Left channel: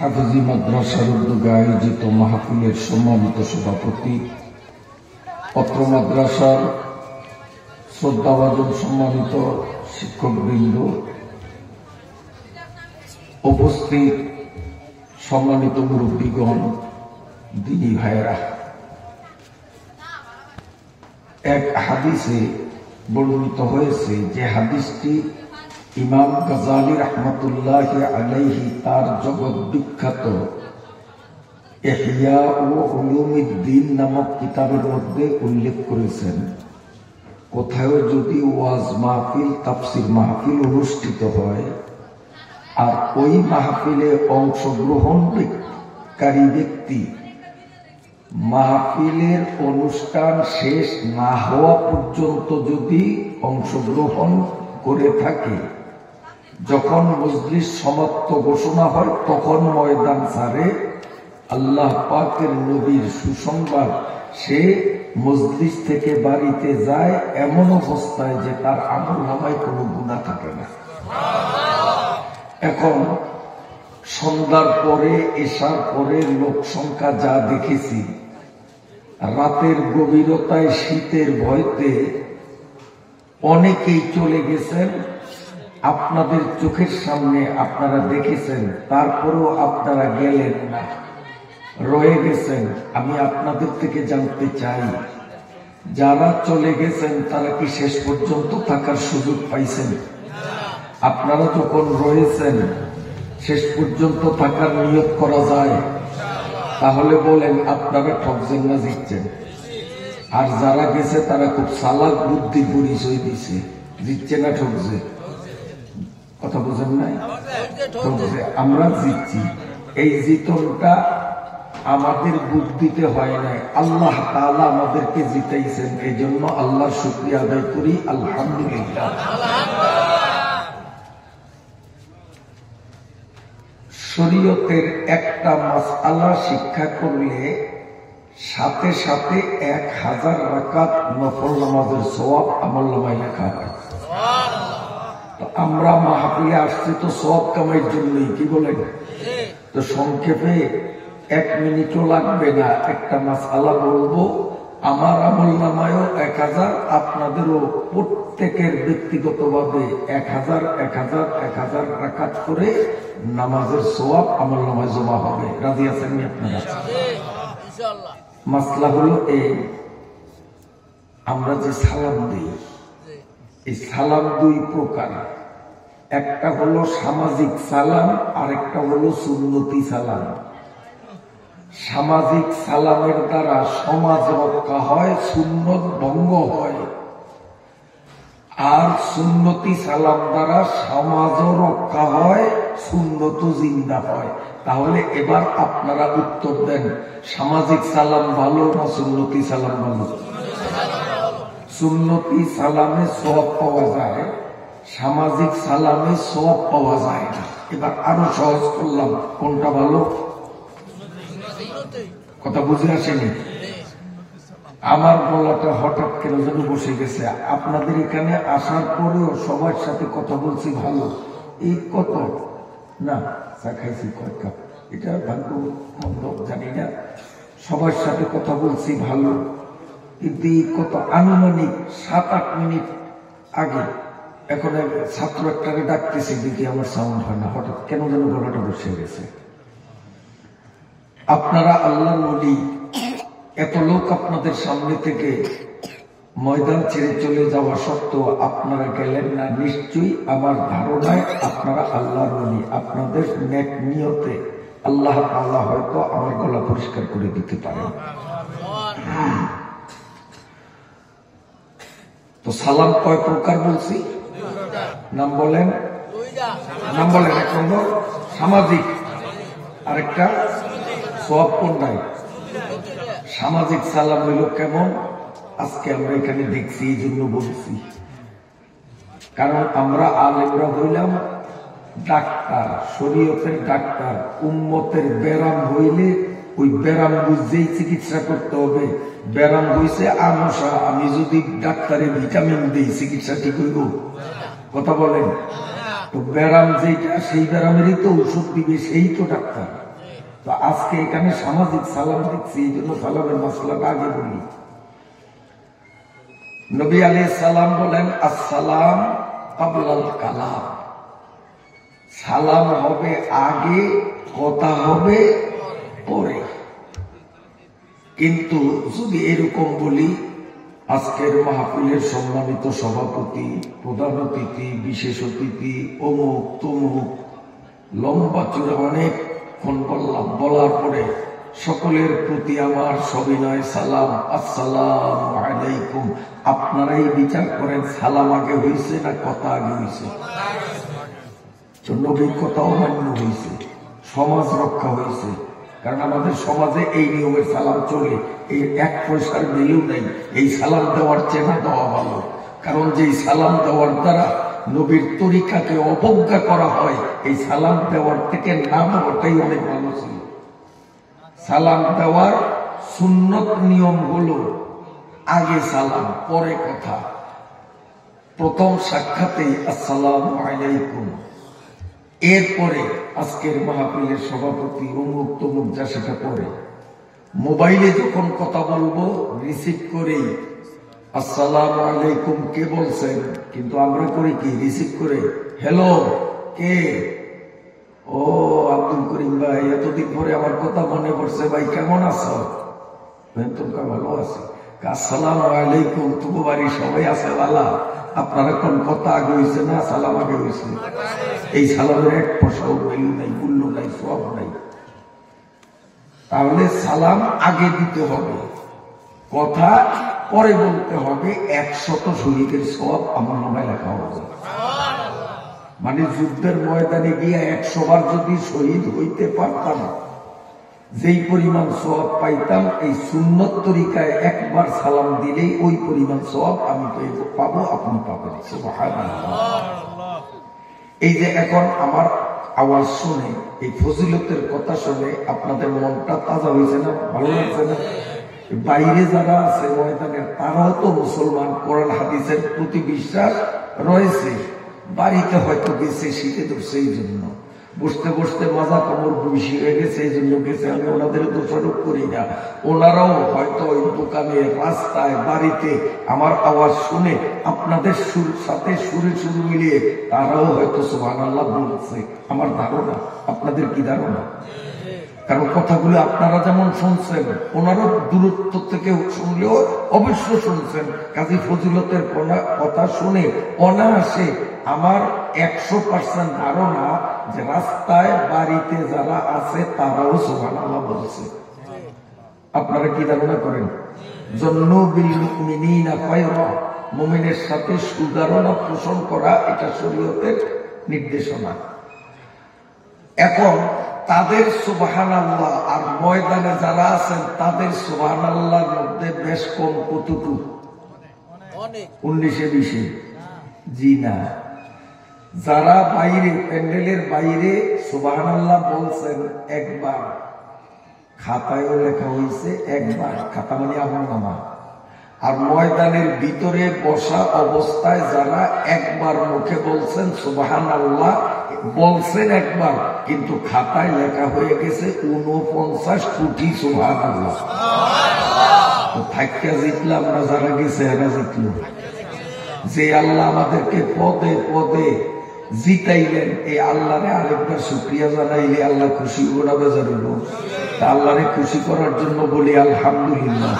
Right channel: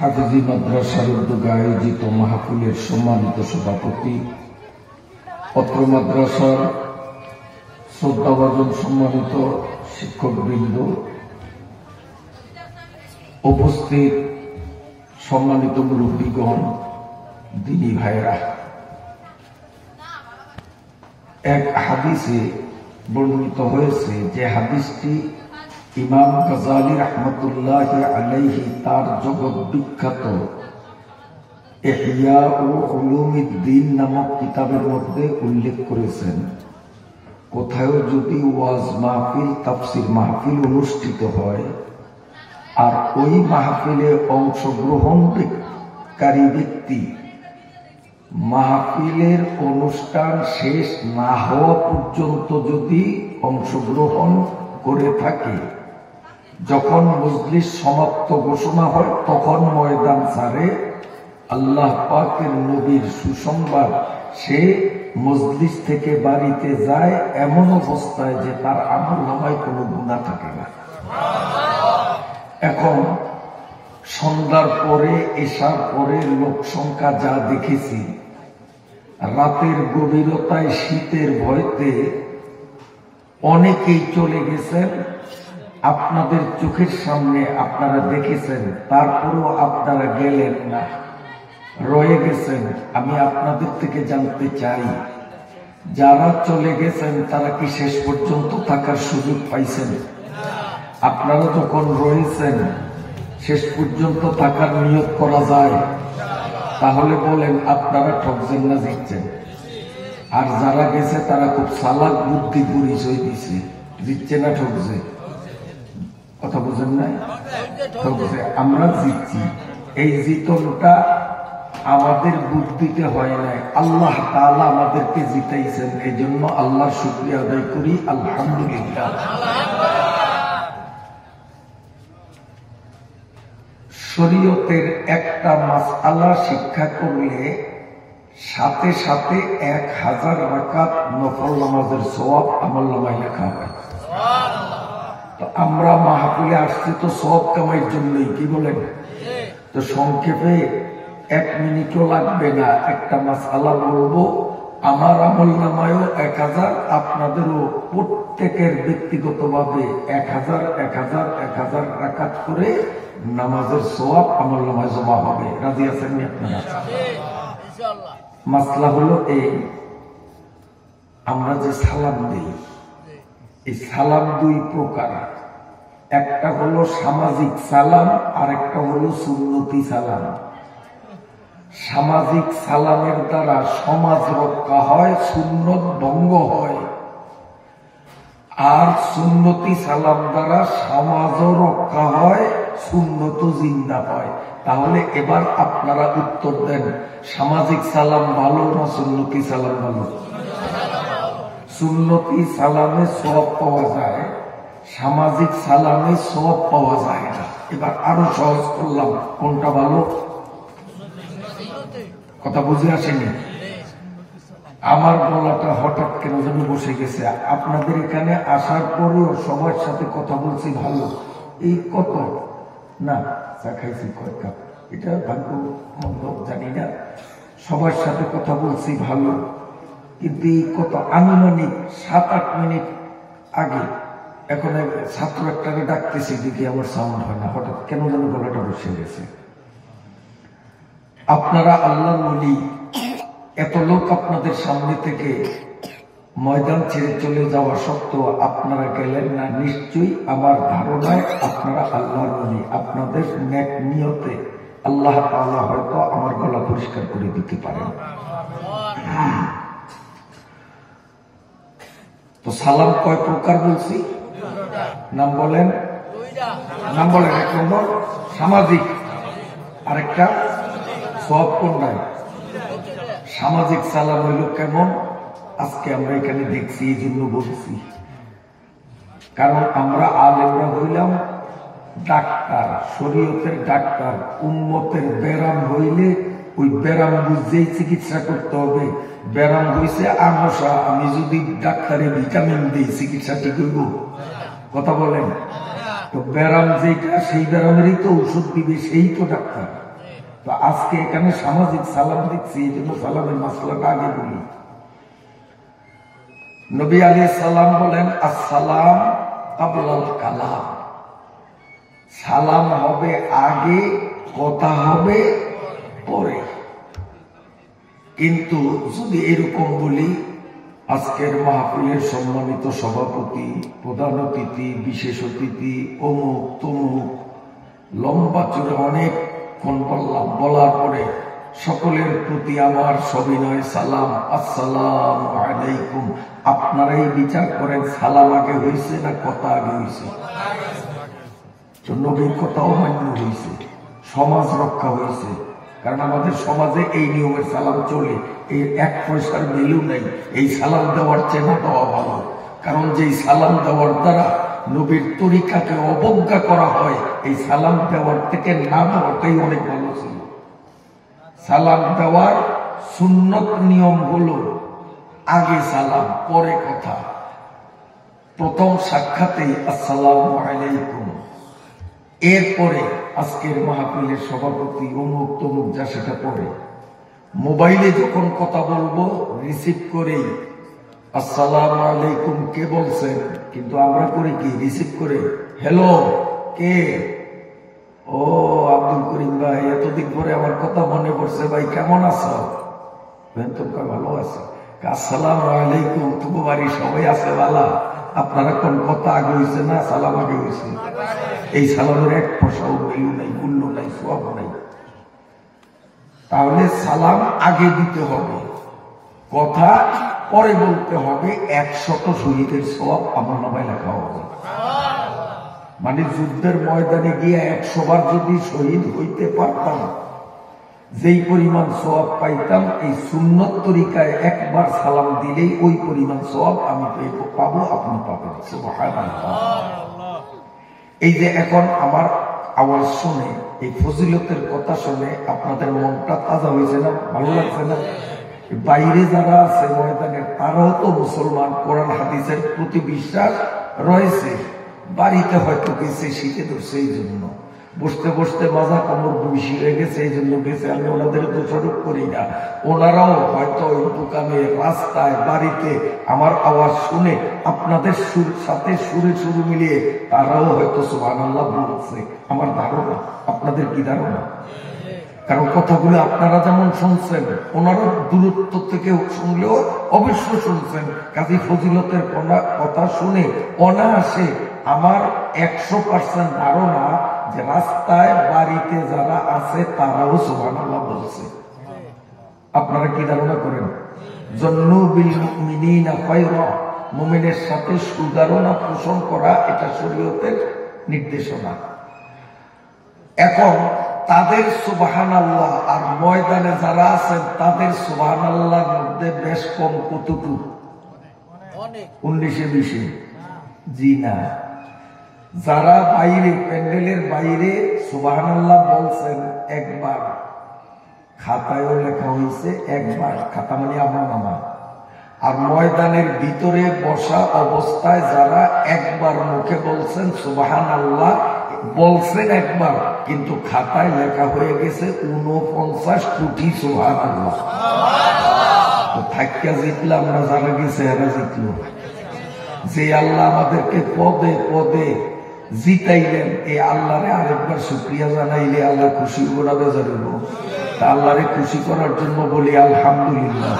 হাফেজি মাদ্রাসার উদ্যোগে আয়োজিত মাহফিলের সম্মানিত সভাপতি, অত্র মাদ্রাসার শ্রদ্ধাভাজন সম্মানিত শিক্ষকবৃন্দ, উপস্থিত সম্মানিত মুরব্বীগণ, দিনী ভাইরা, এক হাদিসে বর্ণিত হয়েছে যে হাদিসটি ইমাম গাজালি রহমতুল্লাহ আলাইহি তার জগৎ বিখ্যাত ইহয়া ও উলুমিদ্দিন নামক কিতাবের মধ্যে উল্লেখ করেছেন। কোথাও যদি ওয়াজ মাহফিল, তাফসির মাহফিল অনুষ্ঠিত হয় আর ওই মাহফিলে অংশগ্রহণকারী ব্যক্তি মাহফিলের অনুষ্ঠান শেষ না হওয়া পর্যন্ত যদি অংশগ্রহণ করে থাকে, যখন মজলিস সমাপ্ত ঘোষণা হয় তখন ময়দান ছাড়ে, আল্লাহ পাকের নবীর সুসংবাদ, সে মজলিস থেকে বাড়িতে যায় এমন অবস্থায় যে তার আমলনামায় কোনো গুনাহ থাকে না। এখন সন্ধ্যার পরে, এশার পরে লোক সংখ্যা যা দেখেছি, রাতের গভীরতায় শীতের ভয়তে অনেকেই চলে গেছেন। আপনাদের চোখের সামনে আপনারা দেখেছেন, তারপরেও আপনারা গেলেন না, রয়ে গেছেন। আমি আপনাদের থেকে জানতে চাই, যারা চলে গেছেন তারা কি শেষ পর্যন্ত থাকার সুযোগ পাইছেন? আপনারা যখন রয়েছেন, শেষ পর্যন্ত থাকার নিয়োগ করা যায়? তাহলে বলেন, আপনারা ঠকছেন না জিতছেন? আর যারা গেছে তারা খুব চালাক বুদ্ধি পরিচয় দিছে, জিতছে না ঠকছে? কথা বোঝেন নাই? ঠকছে। আমরা জিতছি। এই জিতনটা আমাদের বুদ্ধিতে হয় নাই, আল্লাহ তাআলা আমাদেরকে জিতাইছেন। এই জন্য আল্লাহর শুকরিয়া আদায় করি, আলহামদুলিল্লাহ। শরীয়তের একটা মাসআলা শিক্ষা করলে সাথে সাথে 1000 রাকাত নফল নামাজের সওয়াব আমলনামায় লেখা হয়। তো আমরা মাহফিলে আসছি তো সওয়াব কামাইয়ের জন্যই, কি বলেন? তো সংক্ষেপে 1 মিনিটও লাগবে না, একটা মাসআলা বলবো। আমার আমলনামায়ও 1000, আপনাদেরও প্রত্যেকের ব্যক্তিগতভাবে 1000 রাকাত করে নামাজের সওয়াব আমলনামায় জমা হবে। রাজি আছেন আপনারা? মাসলা হলো এই, আমরা যে সালাম দিই, এই সালাম 2 প্রকার। একটা হলো সামাজিক সালাম, আর একটা হলো সুন্নতি সালাম। সামাজিক সালামের দ্বারা সমাজ রক্ষা হয়, সুন্নত ভঙ্গ হয়। আর সুন্নতি সালাম দ্বারা সমাজও রক্ষা হয়, সুন্নত জিন্দা হয়। তাহলে এবার আপনারা উত্তর দেন, সামাজিক সালাম ভালো না সুন্নতি সালাম ভালো? সুন্নতি সালামে সওয়াব পাওয়া যায়, সামাজিক সালামে সওয়াব পাওয়া যায় না। এবার আরো সহজ করলাম, কোনটা ভালো? কথা বুঝে আসেনি? আমার গলাটা হঠাৎ কেন যেন বসে গেছে। আপনাদের এখানে আসার পরেও সবার সাথে কথা বলছি ভালো, এই কত না চা খাইছি কয়েক কাপ, এটা ভাগ্য মন্দ জানি না। সবার সাথে কথা বলছি ভালো, কিন্তু এই কত আনুমানিক 7-8 মিনিট আগে এখন ছাত্র একটাকে ডাকতেছে, দিদি আমার সাউন্ড হয় না, হঠাৎ কেন যেন গলাটা বসে গেছে। আপনারা আল্লাহর ওলি, এত লোক আপনাদের সামনে থেকে ময়দান ছেড়ে চলে যাওয়া সত্ত্বেও আপনারা গেলেন না। নিশ্চয়ই আমার ধারণায় আপনারা আল্লাহর ওলি। আপনাদের নেক নিয়তে আল্লাহ তাআলা হয়তো আমার গলা পরিষ্কার করে দিতে পারেন। তো সালাম কয় প্রকার বলছি? নাম বলেন, নাম বলেন। 1 নম্বর সামাজিক, আরেকটা সওয়াব কোনটায়? সামাজিক সালাম হইল কেমন? আজকে আমরা এখানে দেখছি, এই জন্য বলছি, কারণ আমরা আলেমরা হইলাম ডাক্তার, শরীয়তের ডাক্তার। উম্মতের ব্যারাম হইলে ওই ব্যারাম বুঝেই চিকিৎসা করতে হবে। ব্যারাম হইছে আমশা, আমি যদি ডাক্তারে ভিটামিন দিই, চিকিৎসা ঠিক হইব? কথা বলেন? তো ব্যারাম যেটা, সেই ব্যারামেরই তো ঔষধ দিবে, সেই তো ডাক্তার। তো আজকে এখানে সামাজিক সালাম দিচ্ছি, এই জন্য সালামের মশলাটা আগে বলি। নবী আলাইহিস সালাম বলেন, আসসালাম ক্বাবলাল কালাম, সালাম হবে আগে, কথা হবে পরে। কিন্তু যদি এরকম বলি, আজকের মাহফিলের সম্মানিত সভাপতি, প্রধান অতিথি, বিশেষ অতিথি, অমুক তমুক, লম্বা চূড়া অনেকক্ষণ বললাম, বলার পরে সকলের প্রতি আমার সবিনয় সালাম, আসসালামু আলাইকুম। আপনারাই বিচার করেন, সালাম আগে হয়েছে না কথা আগে হয়েছে? নবীর কথাও মান্য হয়েছে, সমাজ রক্ষা হয়েছে। কারণ আমাদের সমাজে এই নিয়মের সালাম চলে, এই এক পয়সার ভ্যালু নেই। এই সালাম দেওয়ার চেনা দেওয়া ভালো, কারণ যেই সালাম দেওয়ার দ্বারা নবীর তরিকাকে অবজ্ঞা করা হয়, এই সালাম দেওয়ার থেকে না দেওয়াটাই অনেক ভালো ছিল। সালাম দেওয়ার সুন্নত নিয়ম হলো আগে সালাম পরে কথা। প্রথম সাক্ষাতেই আসসালামু আলাইকুম, এরপরে আজকের মাহফিলের সভাপতি অমুক তমুক যা সেটা পরে। মোবাইলে যখন কথা বলবো রিসিভ করে আসসালামু আলাইকুম কে বলছেন, কিন্তু আমরা করি কি, রিসিভ করে হ্যালো কে, ও আব্দুল করিম ভাই, এতদিন পরে আমার কথা মনে পড়ছে, ভাই কেমন আছো? তোমরা ভালো আছো? আসসালামু আলাইকুম, তুমি বাড়ি সবাই আছে ভালো? আপনারা কোন কথা আগে হয়েছে না সালাম আগে হয়েছে? এই সালামের এক পয়সাও ভ্যালু নাই, মূল্য নাই, সব নাই। তাহলে সালাম আগে দিতে হবে, কথা পরে বলতে হবে। 100 শহীদের সওয়াব আমার নামায় লেখা হবে। মানে যুদ্ধের ময়দানে গিয়ে 100 বার যদি শহীদ হইতে পারতাম, যেই পরিমাণ সওয়াব পাইতাম, এই সুন্নত তরিকায় একবার সালাম দিলেই ওই পরিমাণ সওয়াব আমি পাবো, আপনি পাবেন। সুবহানাল্লাহ। এই যে এখন আমার আওয়াজ শুনে, এই ফজিলতের কথা শুনে আপনাদের মনটা তাজা হয়েছে না? ভালো লাগছে না? বাইরে যারা আছে ময়দানের, তারাও তো মুসলমান, কোরআন হাদিসের প্রতি বিশ্বাস রয়েছে, বাড়িতে হয়তো গেছে শীতে ধরছে, এই জন্য বসতে বসতে মাজা কামড় বসি হয়ে গেছে, এই জন্য গেছে। আমি ওনাদের দোষারোপ করি না, ওনারাও হয়তো ওই দোকানে, রাস্তায়, বাড়িতে আমার আওয়াজ শুনে আপনাদের সাথে সুরে সুর মিলিয়ে তারাও হয়তো সুবহানাল্লাহ বলছে। আমার ধারণা, আপনাদের কি ধারণা? কারণ কথাগুলো আপনারা যেমন শুনছেন, ওনারা দূরত্ব থেকে শুনলেও অবশ্য শুনছেন। কাজী ফজিলতের কথা শুনে অনায়াসে আমার 100% ধারণা যে রাস্তায়, বাড়িতে যারা আছে তারাও সুবহানাল্লাহ বলছে। আপনারা কি ধারণা করেন? জন্নু বিল মুমিনিনা খায়রা, মুমিনের সাথে সুধারণা পোষণ করা, এটা শরীয়তের নির্দেশনা। এখন তাদের সুবহানাল্লাহ আর ময়দানে যারা আছেন তাদের সুবহানাল্লাহর মধ্যে বেশ কম কতটুকু? 19-20? জি না। যারা বাইরে, প্যান্ডেলের বাইরে সুবহানাল্লাহ বলছেন একবার, খাতায়ও লেখা হয়েছে একবার, খাতা মানে আমার নামা। আর ময়দানের ভিতরে বসা অবস্থায় যারা একবার মুখে বলছেন সুবহানাল্লাহ, বলছেন একবার, কিন্তু খাতায় লেখা হয়ে গেছে 49 কোটি সুবহানাল্লাহ। থাকা জিতলাম না, যারা গেছে এরা জিতল। যে আল্লাহ আমাদেরকে পদে পদে জিতাইলেন, এই আল্লাহরে আরেকবার শুকরিয়া জানাইলে আল্লাহ খুশি ওরা বেজারিব। তা আল্লাহরে খুশি করার জন্য বলি আলহামদুলিল্লাহ।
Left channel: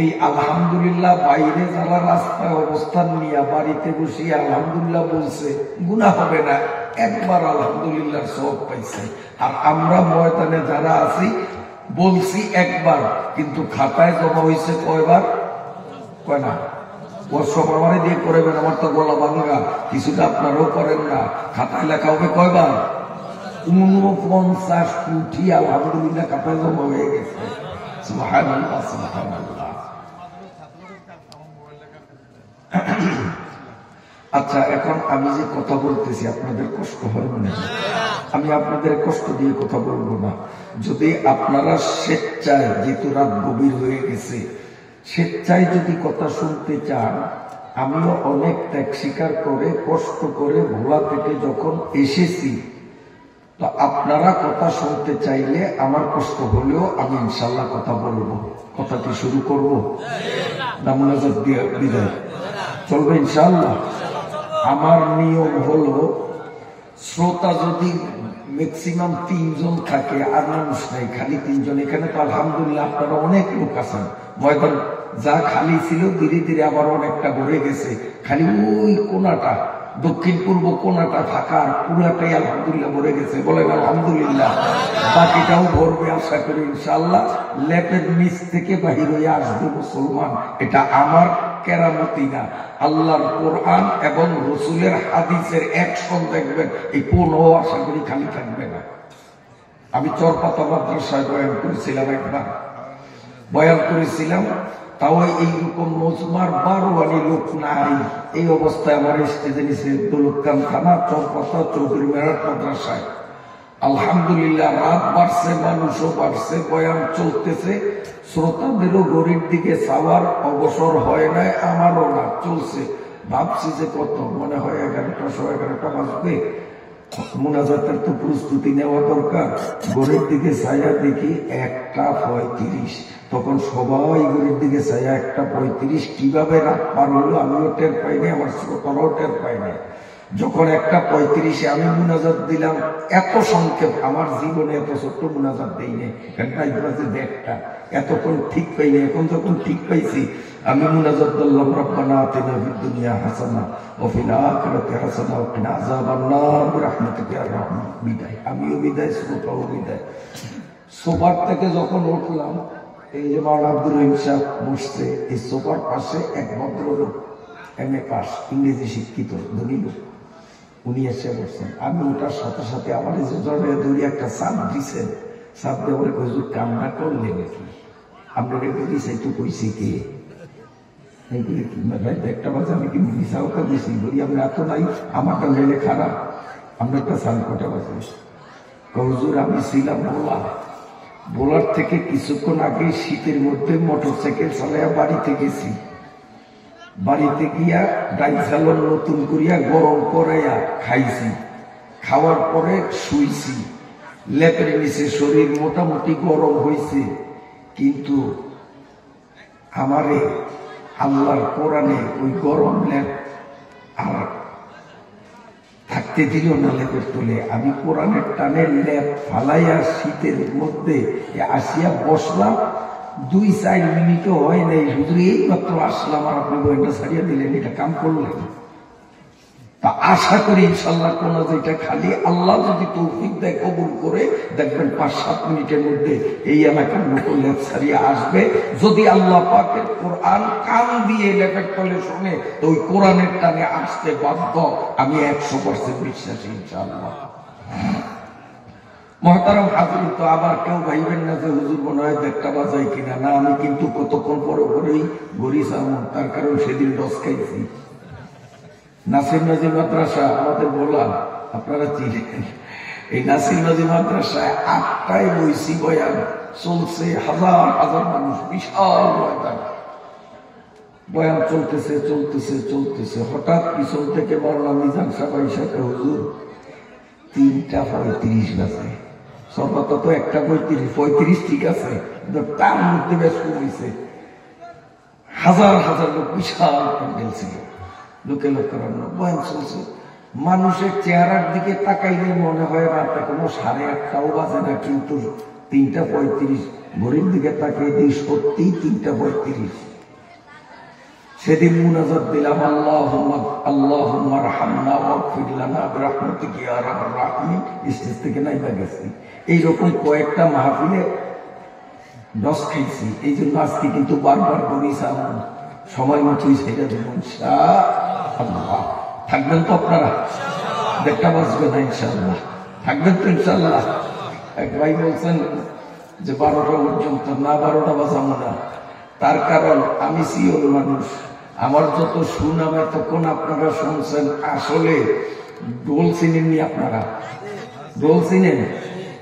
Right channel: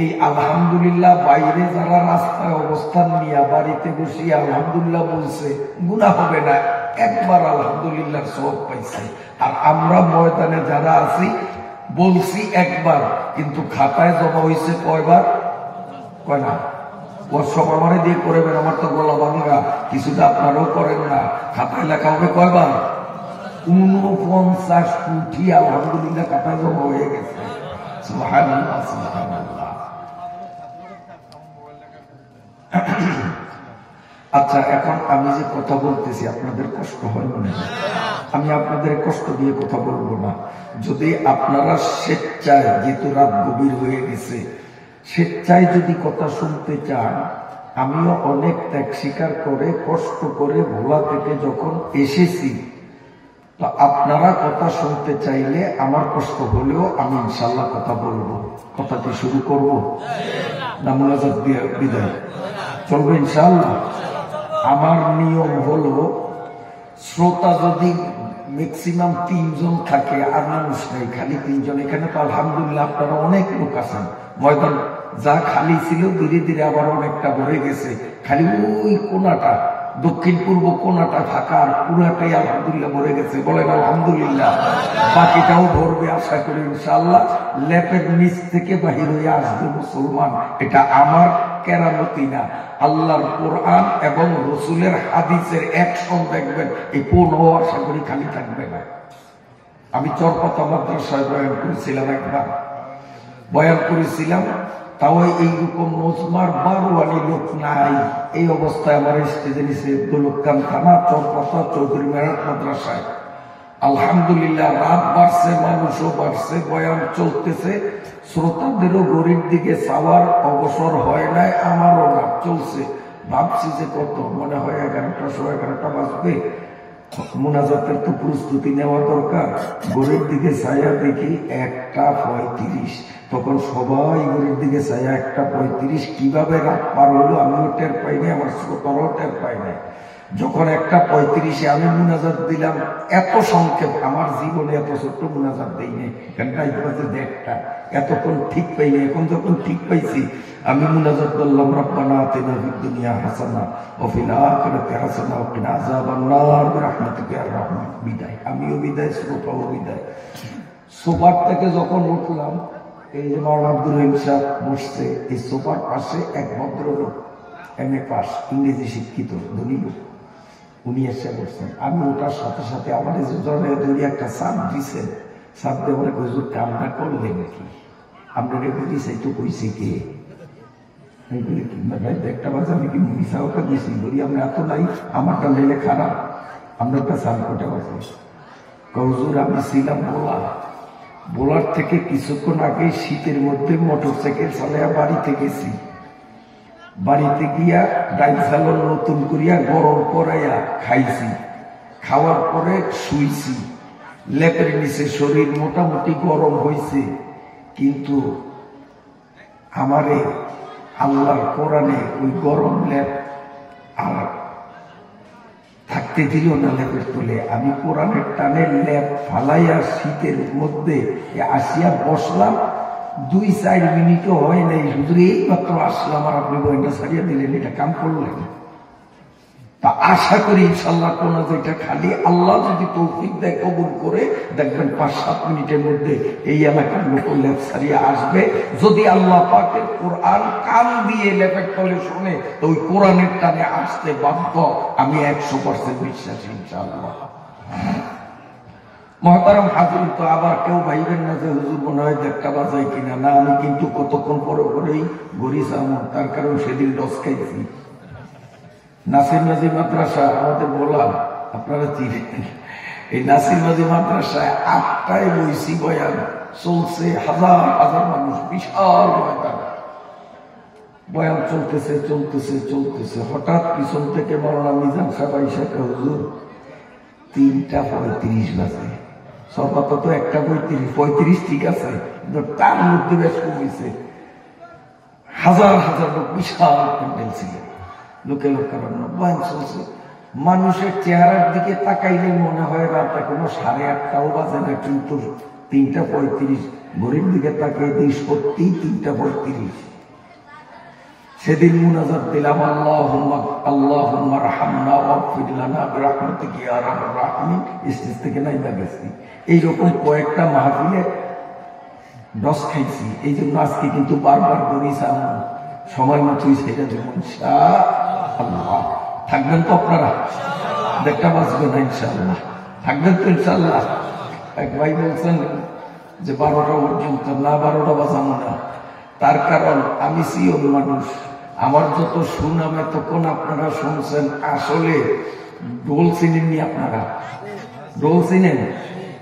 এই আলহামদুলিল্লাহ বাইরে যারা রাস্তায় অবস্থান নিয়ে বাড়িতে বসিয়ে আলহামদুলিল্লাহ বলছে, গুনাহ হবে না, একবার আলহামদুলিল্লাহ সওয়াব পাইছে। আর আমরা ময়দানে যারা আছি বলছি একবার, কিন্তু খাতায় জমা হয়েছে কয়বার? কয় না? সব আমারে দিয়ে করবেন, আমার তো গলা ভাঙা, কিছুটা আপনারাও করেন না। খাতায় লেখা হবে কয়বার? 49 কোটি আলহামদুলিল্লাহ খাতায় জমা হয়ে গেছে। সুবহানাল্লাহ, সুবহানাল্লাহ। আচ্ছা, এখন আমি যে কথা বলতেছি আপনাদের কষ্ট হয় মনে হয়? আমি আপনাদের কষ্ট দিয়ে কথা বলবো না। যদি আপনারা স্বেচ্ছায়, যেহেতু রাত গভীর হয়ে গেছে, স্বেচ্ছায় যদি কথা শুনতে চান, আমিও অনেক ত্যাগ স্বীকার করে কষ্ট করে ভোলা থেকে যখন এসেছি, তো আপনারা কথা শুনতে চাইলে আমার কষ্ট হলেও আমি ইনশাল্লাহ কথা বলবো। কথাটি শুরু করব না মুনাজাত দিয়ে বিদায় চলবে ইনশাল্লাহ? আমার নিয়ম হলো শ্রোতা যদি ম্যাক্সিমাম 3 জন থাকে আর মানুষ নাই, খালি 3 জন। এখানে তো আলহামদুলিল্লাহ আপনারা অনেক লোক আছেন, ময়দান যা খালি ছিল ধীরে ধীরে আবার অনেকটা ভরে গেছে, খালি ওই কোনাটা দক্ষিণ পূর্ব কোনাটা ফাঁকা আর পুরাটাই আলহামদুলিল্লাহ ভরে গেছে। বলেন আলহামদুলিল্লাহ। বাকিটাও ভরবে আশা করি ইনশাআল্লাহ। ল্যাপের নিচ থেকে বাহির হয়ে আসবে মুসলমান, এটা আমার কেরামতি না, আল্লাহর কোরআন এবং রসুলের হাদিসের অ্যাকশন দেখবেন। এই কোনও আশা করি খালি থাকবে না। আমি চরপাতা মাদ্রাসায় বয়ান করেছিলাম, একবার বয়ান করেছিলাম, তাও এইরকম মজমার 12 আলি লোক নাই। এই অবস্থায় আমার স্টেজে নিচে দৌলতখান থানা চরপাতা চৌধুরী মেহরাত মাদ্রাসায় আলহামদুলিল্লাহ রাত বাড়ছে, মানুষও বাড়ছে, বয়ান চলতেছে, শ্রোতাদেরও গরিব দিকে চাওয়ার অবসর হয় নাই, আমারও না, চলছে। ভাবছি যে কত মনে হয় 11টা 11:15 বাজবে, মুনাজাতের তো প্রস্তুতি নেওয়া দরকার। গরিব দিকে ছায়া দেখি 1:35, তখন সবাই গরিব দিকে ছায়া 1:35। কিভাবে রাত পার হলো আমিও টের পাই নাই, আমার শ্রোতারাও টের পাই নাই। যখন 1:35 আমি মুনাজাত দিলাম, এত সংক্ষেপ, আমার জীবনে এত ছোট্ট মুনাজাত দেই নাই, ঘন্টায় বাজে 1:30, এতক্ষণ ঠিক পাইনি। এখন যখন ঠিক পাইছি আমি মুনাজাত বললাম, রব্বানা আতিনা ফিদ দুনিয়া হাসানা ওয়া ফিল আখিরাতি হাসানা ওয়া কিনা আযাবান নার বিরহমাতিকা ইয়া রাহমান। বিদায়, আমিও বিদায়, শ্রোতাও বিদায়। সোফার থেকে যখন উঠলাম, এই যে মাওলানা আব্দুর রহিম সাহেব বসছে, এই সোফার পাশে এক ভদ্রলোক MA পাস, ইংরেজি শিক্ষিত, ধনী লোক, উনি এসে বসছেন। আমি ওটার সাথে সাথে আমার এই ধরনের ধরি একটা সাপ দিচ্ছেন, সাপ দেওয়ার হুজুর কামনা করলে নাকি আপনার রেখে দিয়েছে, একটু কইছে কে একটা বাজে আমি কি মিশাওটা দিয়েছি, বলি আপনি এত নাই, আমারটা লেলে খারাপ, আমরা একটা সান কোটা বাজে। হুজুর আমি ছিলাম বোলার থেকে কিছুক্ষণ আগে শীতের মধ্যে মোটরসাইকেল চালাইয়া বাড়িতে গেছি, বাড়িতে গিয়া ডাইল চালন নতুন করিয়া গরম করাইয়া খাইছি, খাওয়ার পরে শুইছি, লেপের নিচে শরীর মোটামুটি গরম হয়েছে, কিন্তু আমারে আল্লাহর কোরআনে ওই গরম লেপ আর থাকতে দিল না লেপের তোলে। আমি কোরআনের টানের লেপ ফালাইয়া শীতের মধ্যে আসিয়া বসলাম, 2-4 মিনিটও হয় নাই, হুজুর এই মাত্র আসলাম আর আপনি বইটা ছাড়িয়ে দিলেন, এটা কাম করলেন। তা আশা করি ইনশাল্লাহ কোন যেটা খালি আল্লাহ যদি তৌফিক দেয় কবুল করে, দেখবেন 5-7 মিনিটের মধ্যে এই এলাকার লোক লেপ ছাড়িয়ে আসবে। যদি আল্লাহ পাকের কোরআন কান দিয়ে লেপের তলে শোনে, তো ওই কোরআনের টানে আসতে বাধ্য, আমি 100% বিশ্বাসী ইনশাআল্লাহ। মহতারাম হাজির, তো আবার কেউ ভাইবেন না যে হুজুর মনে হয় 1:30 বাজায় কিনা, না, আমি কিন্তু কতক্ষণ পরে পরেই গড়ি চামো, তার কারণ সেদিন ডস খাইছি। নাসির নাজির মাদ্রাসা আমাদের বললাম, আপনারা চিনেন, এই নাসির নাজির মাদ্রাসায় 8টায় বইছি, বয়ান চলছে, হাজার হাজার মানুষ, বিশাল ময়দান, বয়ান চলতেছে চলতেছে চলতেছে। হঠাৎ পিছন থেকে মাওলানা মিজান সাহেব আইসা, হুজুর 3:35 বাজে, সর্বত তো 1:35 ঠিক আছে, কিন্তু তার মধ্যে বেশ কমেছে, হাজার হাজার লোক, বিশাল প্যান্ডেল ছিল, লোকে লোক বয়ান চলছে। মানুষের চেহারার দিকে তাকাইলে মনে হয় রাত এখনো 8:30টাও বাজে না, কিন্তু 3:35 ঘড়ির দিকে তাকিয়ে দিই, সত্যি 3:35। সেদিন মুনাজাত দিলাম, আল্লাহুম্মা রহমনা ওয়াগফির লানা বিরহমাতিকা ইয়া আরহামার রাহিমিন, স্টেজ থেকে নাইবা গেছি। এইরকম কয়েকটা মাহফিলে ডস খাইছি, এই জন্য আজকে কিন্তু বারবার করেছিলাম, সময় মতোই সেটা দেব ইনশাআল্লাহ। থাকবেন তো আপনারা? 1:30 বাজবে না ইনশাআল্লাহ, থাকবেন তো ইনশাআল্লাহ? এক ভাই বলছেন যে 12টা পর্যন্ত, না 12টা বাজাবো না, তার কারণ আমি সিওর মানুষ, আমার যত সুনাম এতক্ষণ আপনারা শুনছেন, আসলে ডোল চিনেননি আপনারা, ডোল চিনেন,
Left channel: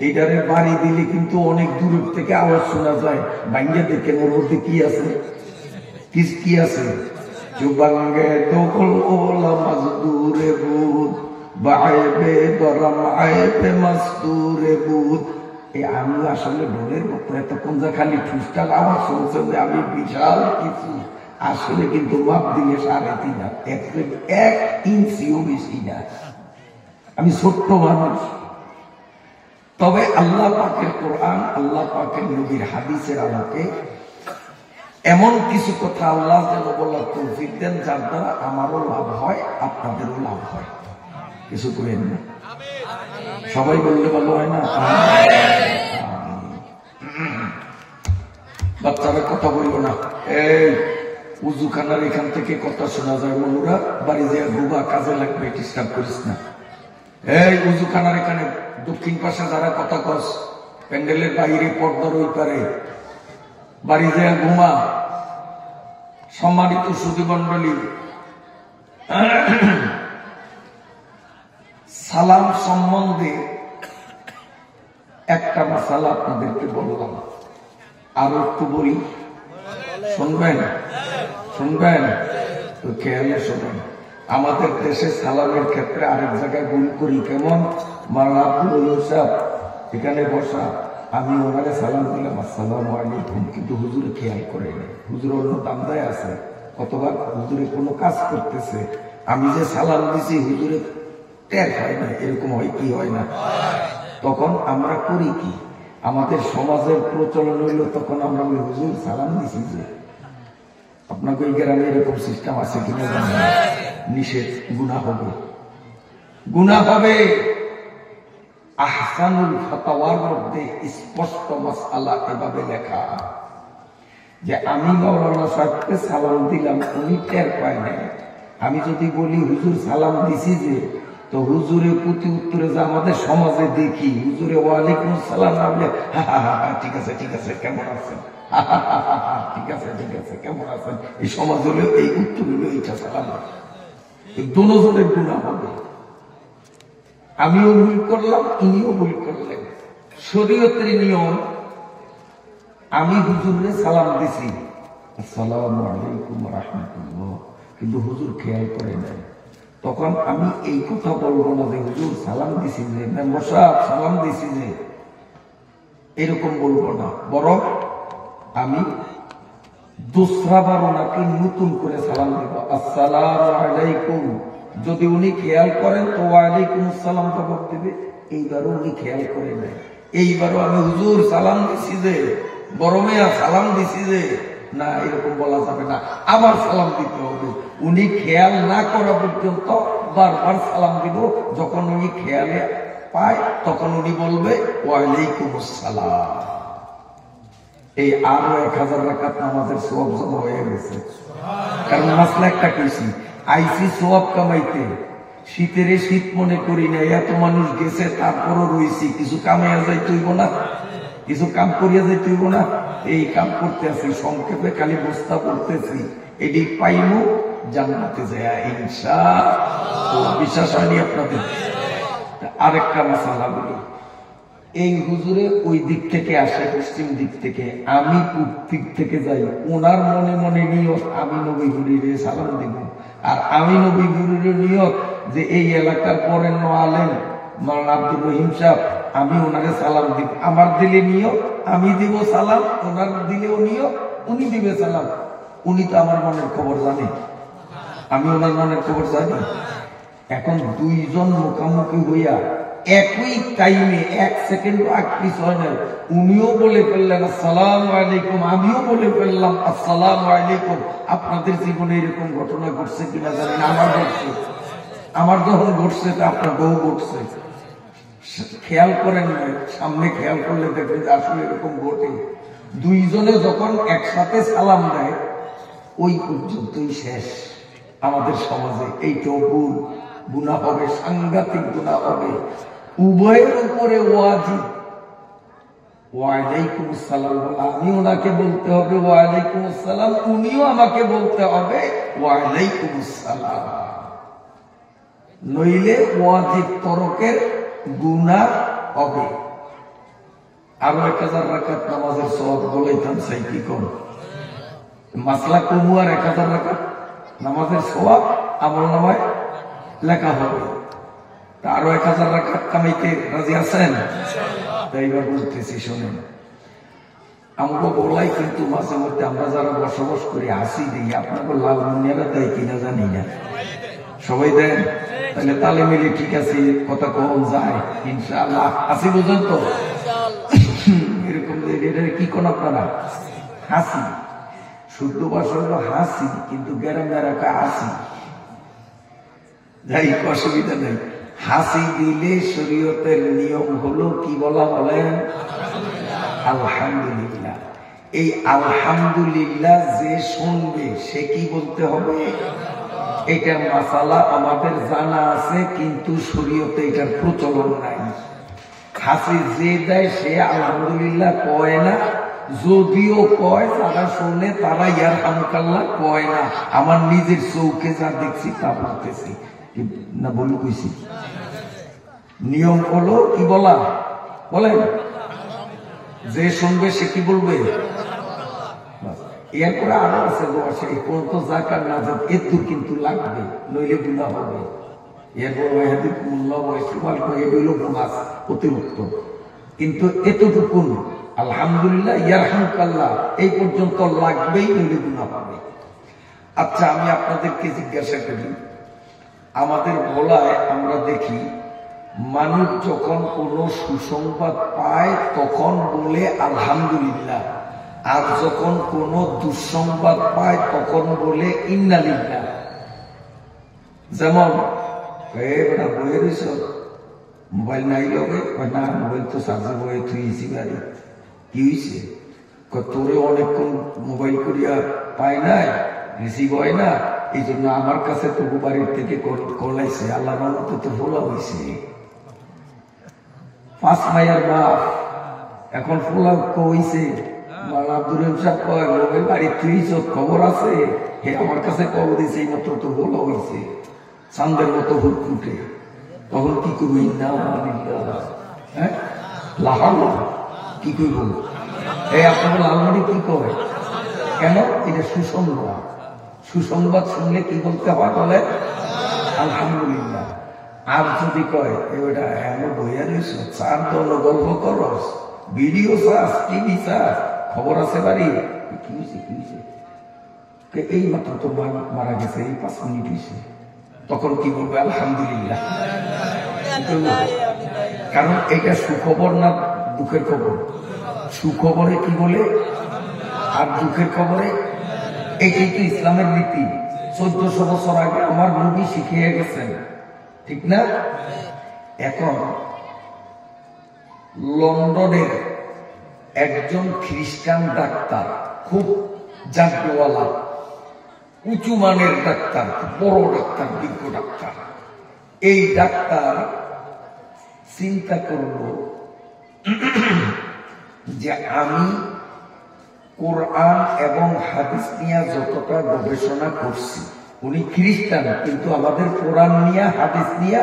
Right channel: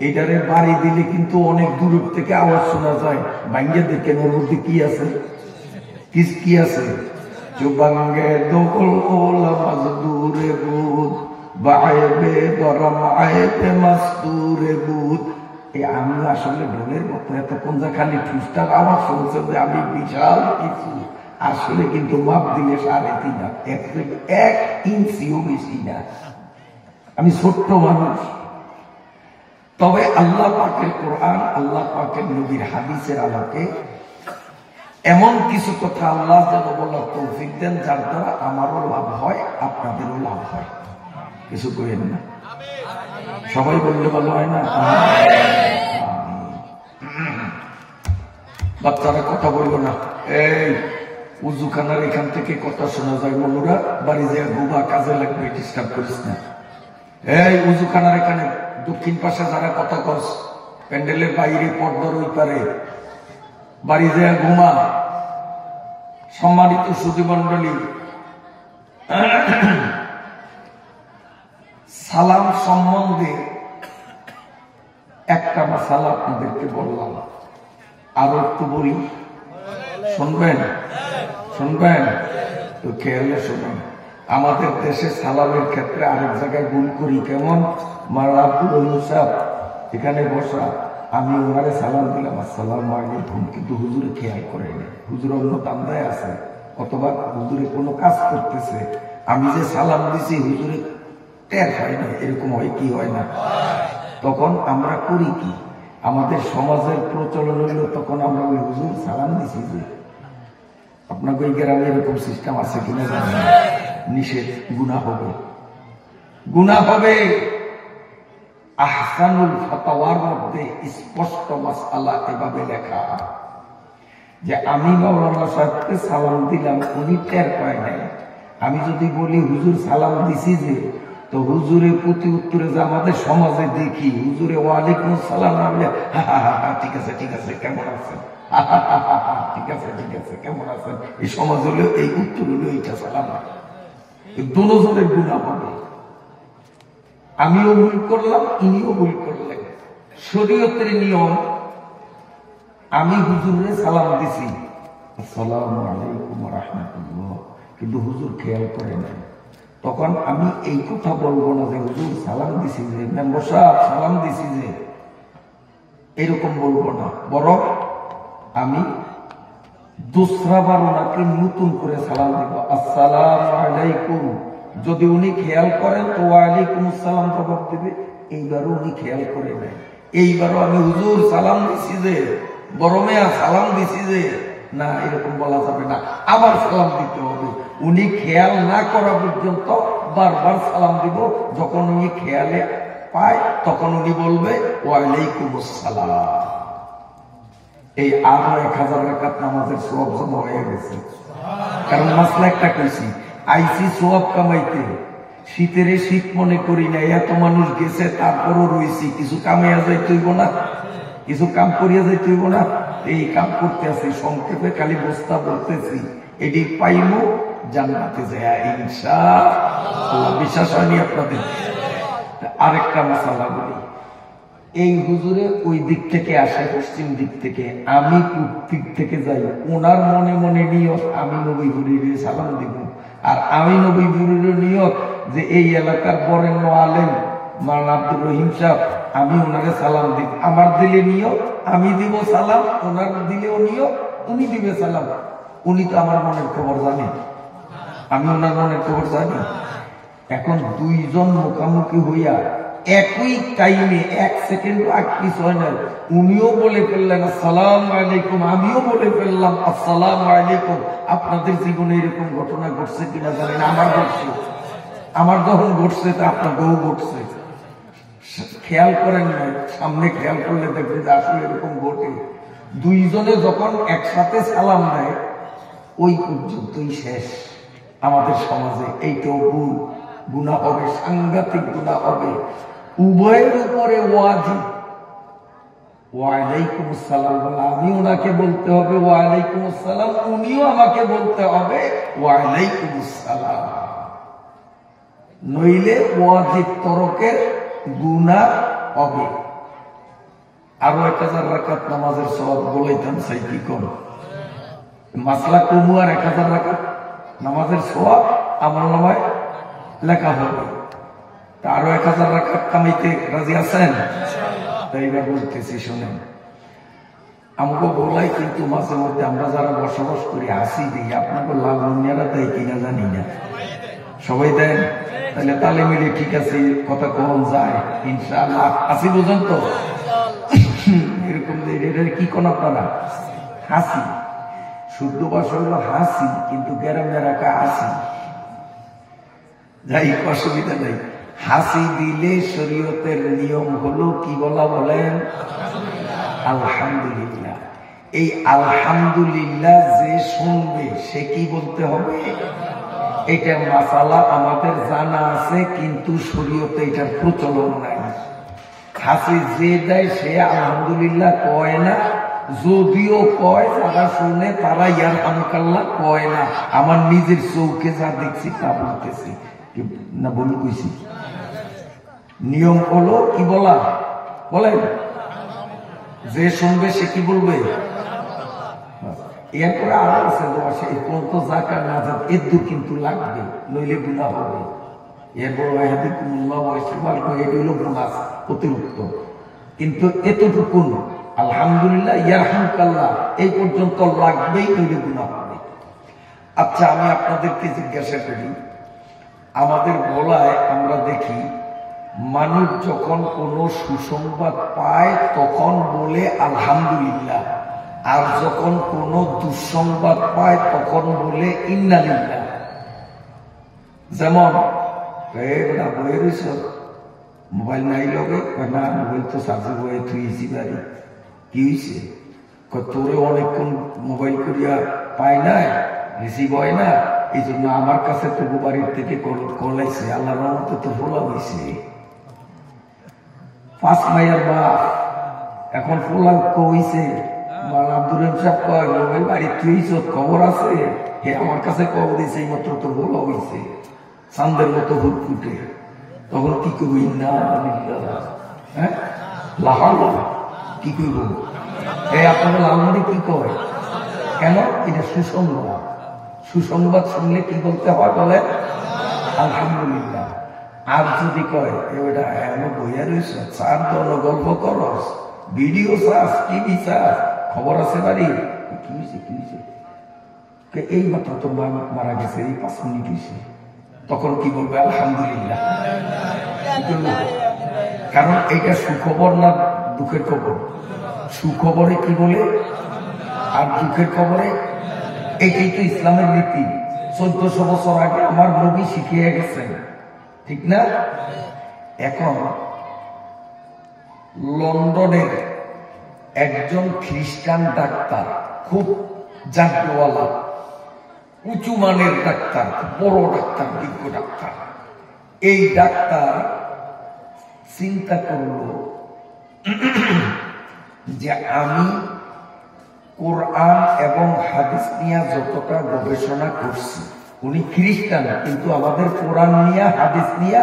এটারে বাড়ি দিলে কিন্তু অনেক দূর থেকে আওয়াজ শোনা যায়, ভাঙ্গে দেখেন ওর মধ্যে কি আছে, কি আছে, চুবাঙ্গে দোকল ওলা মাঝ দূরে বুধ বায়েবে দরম আয়েবে মাস্তুরে বুধ। এই আমি আসলে ঢোলের মতো এতক্ষণ যে খালি ঠুসটার আওয়াজ শুনছে যে আমি বিশাল কিছু, আসলে কিন্তু মাপ দিলে 3.5 হাত, 1 ইঞ্চিও বেশি না, আমি ছোট্ট মানুষ। তবে আল্লাহ পাকের কোরআন, আল্লাহ পাকের নবীর হাদিসের আলোকে এমন কিছু কথা আল্লাহ যেন বলার তৌফিক দেন যার দ্বারা আমারও লাভ হয়, আপনাদেরও লাভ হয়। কিছু করেন না, সবাই বললে ভালো হয় না? বাচ্চারা কথা বলবো না। এই উজুখানার এখান থেকে কথা শোনা যায়, মনুরা বাড়ি যে বুবা কাজে লাগবে, ডিস্টার্ব করিস না। এই উজুখানার এখানে দক্ষিণ পাশে যারা কথা কস, প্যান্ডেলের বাইরে পর্দার ওই পারে বাড়ি যে ঘুমা। সম্মানিত সুধী মন্ডলী, সালাম সম্বন্ধে একটা মাসালা আপনাদেরকে বললাম, আরো একটু বলি, শুনবেন? শুনবেন তো খেয়ালে শোনেন। আমাদের দেশে সালামের ক্ষেত্রে আরেক জায়গায় ভুল করি। কেমন? মাওলানা আব্দুল রহিম সাহেব এখানে বসা, আমি ওনারে সালাম দিলাম, আসসালামু আলাইকুম, কিন্তু হুজুরে খেয়াল করে না, হুজুর অন্য দান্দায় আছে, অথবা হুজুরে কোনো কাজ করতেছে, আমি যে সালাম দিছি হুজুরে টের হয় না। এরকম হয় কি হয় না? তখন আমরা করি কি, আমাদের সমাজের প্রচলন হইল, তখন আমরা ওই হুজুর সালাম দিছি যে। আপনাকে ওই গ্রামে এরকম সিস্টেম আছে কিনা জানেন? নিষেধ, গুনাহ হবে, গুনাহ হবে। আহসানুল ফাতাওয়ার মধ্যে স্পষ্ট মাসআলা এভাবে লেখা যে আমি মাওলানা সাহেবকে সালাম দিলাম, উনি টের পায় নাই। আমি যদি বলি হুজুর সালাম দিছি যে, তো হুজুরের প্রতি উত্তরে যে আমাদের সমাজে দেখি, হুজুরে ওয়ালাইকুম আসসালাম না বলে হা হা হা ঠিক আছে ঠিক আছে কেমন আছেন, ঠিক আছে ঠিক আছে কেমন আছেন, এই সমাজ হলো এই উত্তর হলো এইটা সালাম। দুজনের গুনাহ হবে। আমিও ভুল করলাম, ইনিও ভুল করলেন। শরীয়তের নিয়ম, আমি হুজুরে সালাম দিছি আসসালামু আলাইকুম রাহমাতুল্লাহ, কিন্তু হুজুর খেয়াল করে নাই, তখন আমি এই কথা বলবো না যে হুজুর সালাম দিছি যে, মেম্বার সাহেব সালাম দিছি যে, এরকম বলবো না। বরং আমি দোসরাবার ওনাকে নতুন করে সালাম দেব, আসসালামু আলাইকুম। যদি উনি খেয়াল করেন তো ওয়ালাইকুম আসসালাম জবাব দেবে। এইবারও উনি খেয়াল করে নেন, এইবারও আমি হুজুর সালাম দিছি যে, বড় মেয়া সালাম দিছি যে, না এরকম বলা যাবে না, আবার সালাম দিতে হবে। উনি খেয়াল না করা পর্যন্ত বারবার সালাম দিব। যখন উনি খেয়ালে পায় তখন উনি বলবে ওয়ালাইকুম আসসালাম। এই আরো 1000 রাকাত নামাজের সওয়াব জমা হয়ে গেছে। কারণ মাসলা একটা কইছি, আইসি সওয়াব কামাইতে, শীতের শীত মনে করি না, এত মানুষ গেছে তারপরও রইছি, কিছু কামে যাই তুইব না, কিছু কাম করিয়া যাই তুইব না। এই কাম করতে আছি, সংক্ষেপে খালি বস্তা বলতেছি, এটি পাইমু জান্নাতে যায় ইনশাআল্লাহ। বিশ্বাস হয়নি আপনাদের? আরেকটা মাসালা বলি, এই হুজুরে ওই দিক থেকে আসে, পশ্চিম দিক থেকে, আমি পূর্ব দিক থেকে যাই, ওনার মনে মনে নিয়ত আমি নবী হুজুরে সালাম দেব, আর আমি নবী হুজুরের নিয়ত যে এই এলাকার বরেণ্য আলেম মাওলানা আব্দুল রহিম সাহেব, আমি ওনাকে সালাম দিব। আমার দিলে নিয়ত আমি দিব সালাম, ওনার দিলেও নিয়ত উনি দিবে সালাম। উনি তো আমার মনের খবর জানে, আমি ওনার মনের খবর জানি। এখন দুইজন মুখামুখি হইয়া একই টাইমে 1 সেকেন্ড আগ পিছু হয় না, উনিও বলে ফেললেন আসসালামু আলাইকুম, আমিও বলে ফেললাম আসসালামু আলাইকুম। আপনাদের জীবনে এরকম ঘটনা ঘটছে কিনা জানেন? আমার ঘটছে, আমার যখন ঘটছে তা আপনাদেরও ঘটছে। খেয়াল করেন নাই, সামনে খেয়াল করলে দেখবেন যে আসলে এরকম ঘটে। দুইজনে যখন একসাথে সালাম দেয় ওই পর্যন্তই শেষ। আমাদের সমাজে এইটাও ভুল, গুনাহ হবে, সাংঘাতিক গুনাহ হবে। উভয়ের উপরে ওয়াজিব ওয়ালাইকুম আসসালাম বলা, আমি ওনাকে বলতে হবে ওয়ালাইকুম আসসালাম, উনিও আমাকে বলতে হবে ওয়ালাইকুম আসসালাম। নইলে ওয়াজিব তরকের গুনাহ হবে। আরো 1000 রাকাত নামাজের সওয়াব বলাইতাম চাই, কি কোন মাসলা কমু আর 1000 রাকাত নামাজের সওয়াব আমলনামায় লেখা হবে। তা আরো 1000 রাকাত কামাইতে রাজি আছেন? তাই এবার বলতেছি শোনেন, আমাকে বলাই কিন্তু মাঝে মধ্যে আমরা যারা বসবাস করি হাসি দিই, আপনাকে লাল মুনিয়ারা দেয় কিনা জানি না, সবাই দেন? তাহলে তালে মিলে ঠিক আছে, কথা কখন যায় ইনশাআল্লাহ। হাসি বোঝেন তো? এরকম কি কোন আপনারা হাসি, শুদ্ধ ভাষা হলো হাসি, কিন্তু গ্যারামের একটা হাসি, যাই অসুবিধা নেই। হাসি দিলে শরীয়তের নিয়ম হলো কি বলা বলেন? আলহামদুলিল্লাহ। এই আলহামদুলিল্লাহ যে শুনবে সে কি বলতে হবে? এটা মাসালা আমাদের জানা আছে, কিন্তু শরীয়তে এটার প্রচলন নাই। হাসি যে দেয় সে আলহামদুলিল্লাহ কয় না, যদিও কয় যারা শুনে তারা ইয়ারহামুকাল্লাহ কয় না। আমার নিজের চৌকে যা দেখছি তা বলতেছি না, বলি কইছি। নিয়ম হলো কি বলা বলেন? যে শুনবে সে কি বলবে? এরপরে আরো আছে বসে কোন তো জাকার না যাক এত কিন্তু লাগবে, নইলে গুনাহ হবে। এরপর এগুলো বোনাস অতিরিক্ত, কিন্তু এতটুকু আলহামদুলিল্লাহ ইয়ারহামুকাল্লাহ এই পর্যন্ত লাগবেই, নইলে গুনাহ হবে। আচ্ছা, আমি আপনাদেরকে জিজ্ঞাসা করি, আমাদের বলায় আমরা দেখি মানুষ যখন কোনো সুসংবাদ পায় তখন বলে আলহামদুলিল্লাহ, আর যখন কোনো দুঃসংবাদ পায় তখন বলে ইন্নালিল্লাহ। যেমন বইয়ে রয়েছ, মোবাইল নাই লগে, না মোবাইল তো চার্জে বয়ে থুইছি বাড়ি, কি হয়েছে? তোরে অনেকক্ষণ মোবাইল করিয়া পায় নাই, রিসিভ হয় না, এই জন্য আমার কাছে তবু বাড়ির থেকে কলাইছে, আল্লাহ রহমতে তো বলা হয়েছে। 5 ভাইয়ের বাপ এখন ফোলা কইছে, আব্দুর রহিম সাহেব কয় মোবাইল বাড়ির থুইছ, খবর আছে? হে আমার কাছে খবর দিয়েছে, এই মাত্র তোর বলা হয়েছে, চান্দের মতো হুট ফুটে। তখন কি করবি? না হ্যাঁ লাহার কি করব? এই আপনাদের লালমারি কি করে? কেন? এটা সুসংবাদ। সুসংবাদ শুনলে কি বলতে হয় বলে? আলহামদুলিল্লাহ। আর যদি কয় ওটা এমন বইয়া রয়েছ, চার দল গল্প করস, ভিডিও চাস, টিভি চাস, খবর আছে বাড়ি, কি হয়েছে কি হয়েছে? এই মাত্র তো মারা গেছে, এই 5 মিনিট হয়েছে, তখন কি বলবে? আলহামদুলিল্লাহ। কারণ এটা সুখবর না দুঃখের খবর? সুখবরে কি বলে, আর দুঃখের খবরে। এটাই তো ইসলামের নীতি। 1400 বছর আগে আমার নবী শিখিয়ে গেছেন, ঠিক না? এখন লন্ডনের একজন খ্রিস্টান ডাক্তার, খুব জাগ্রওয়ালা, উঁচু মানের ডাক্তার, বড় ডাক্তার, বিজ্ঞ ডাক্তার, এই ডাক্তার চিন্তা করল যে আমি কোরআন এবং হাদিস নিয়ে যতটা গবেষণা করছি, উনি খ্রিস্টান কিন্তু আমাদের কোরআন নিয়ে হাদিস নিয়ে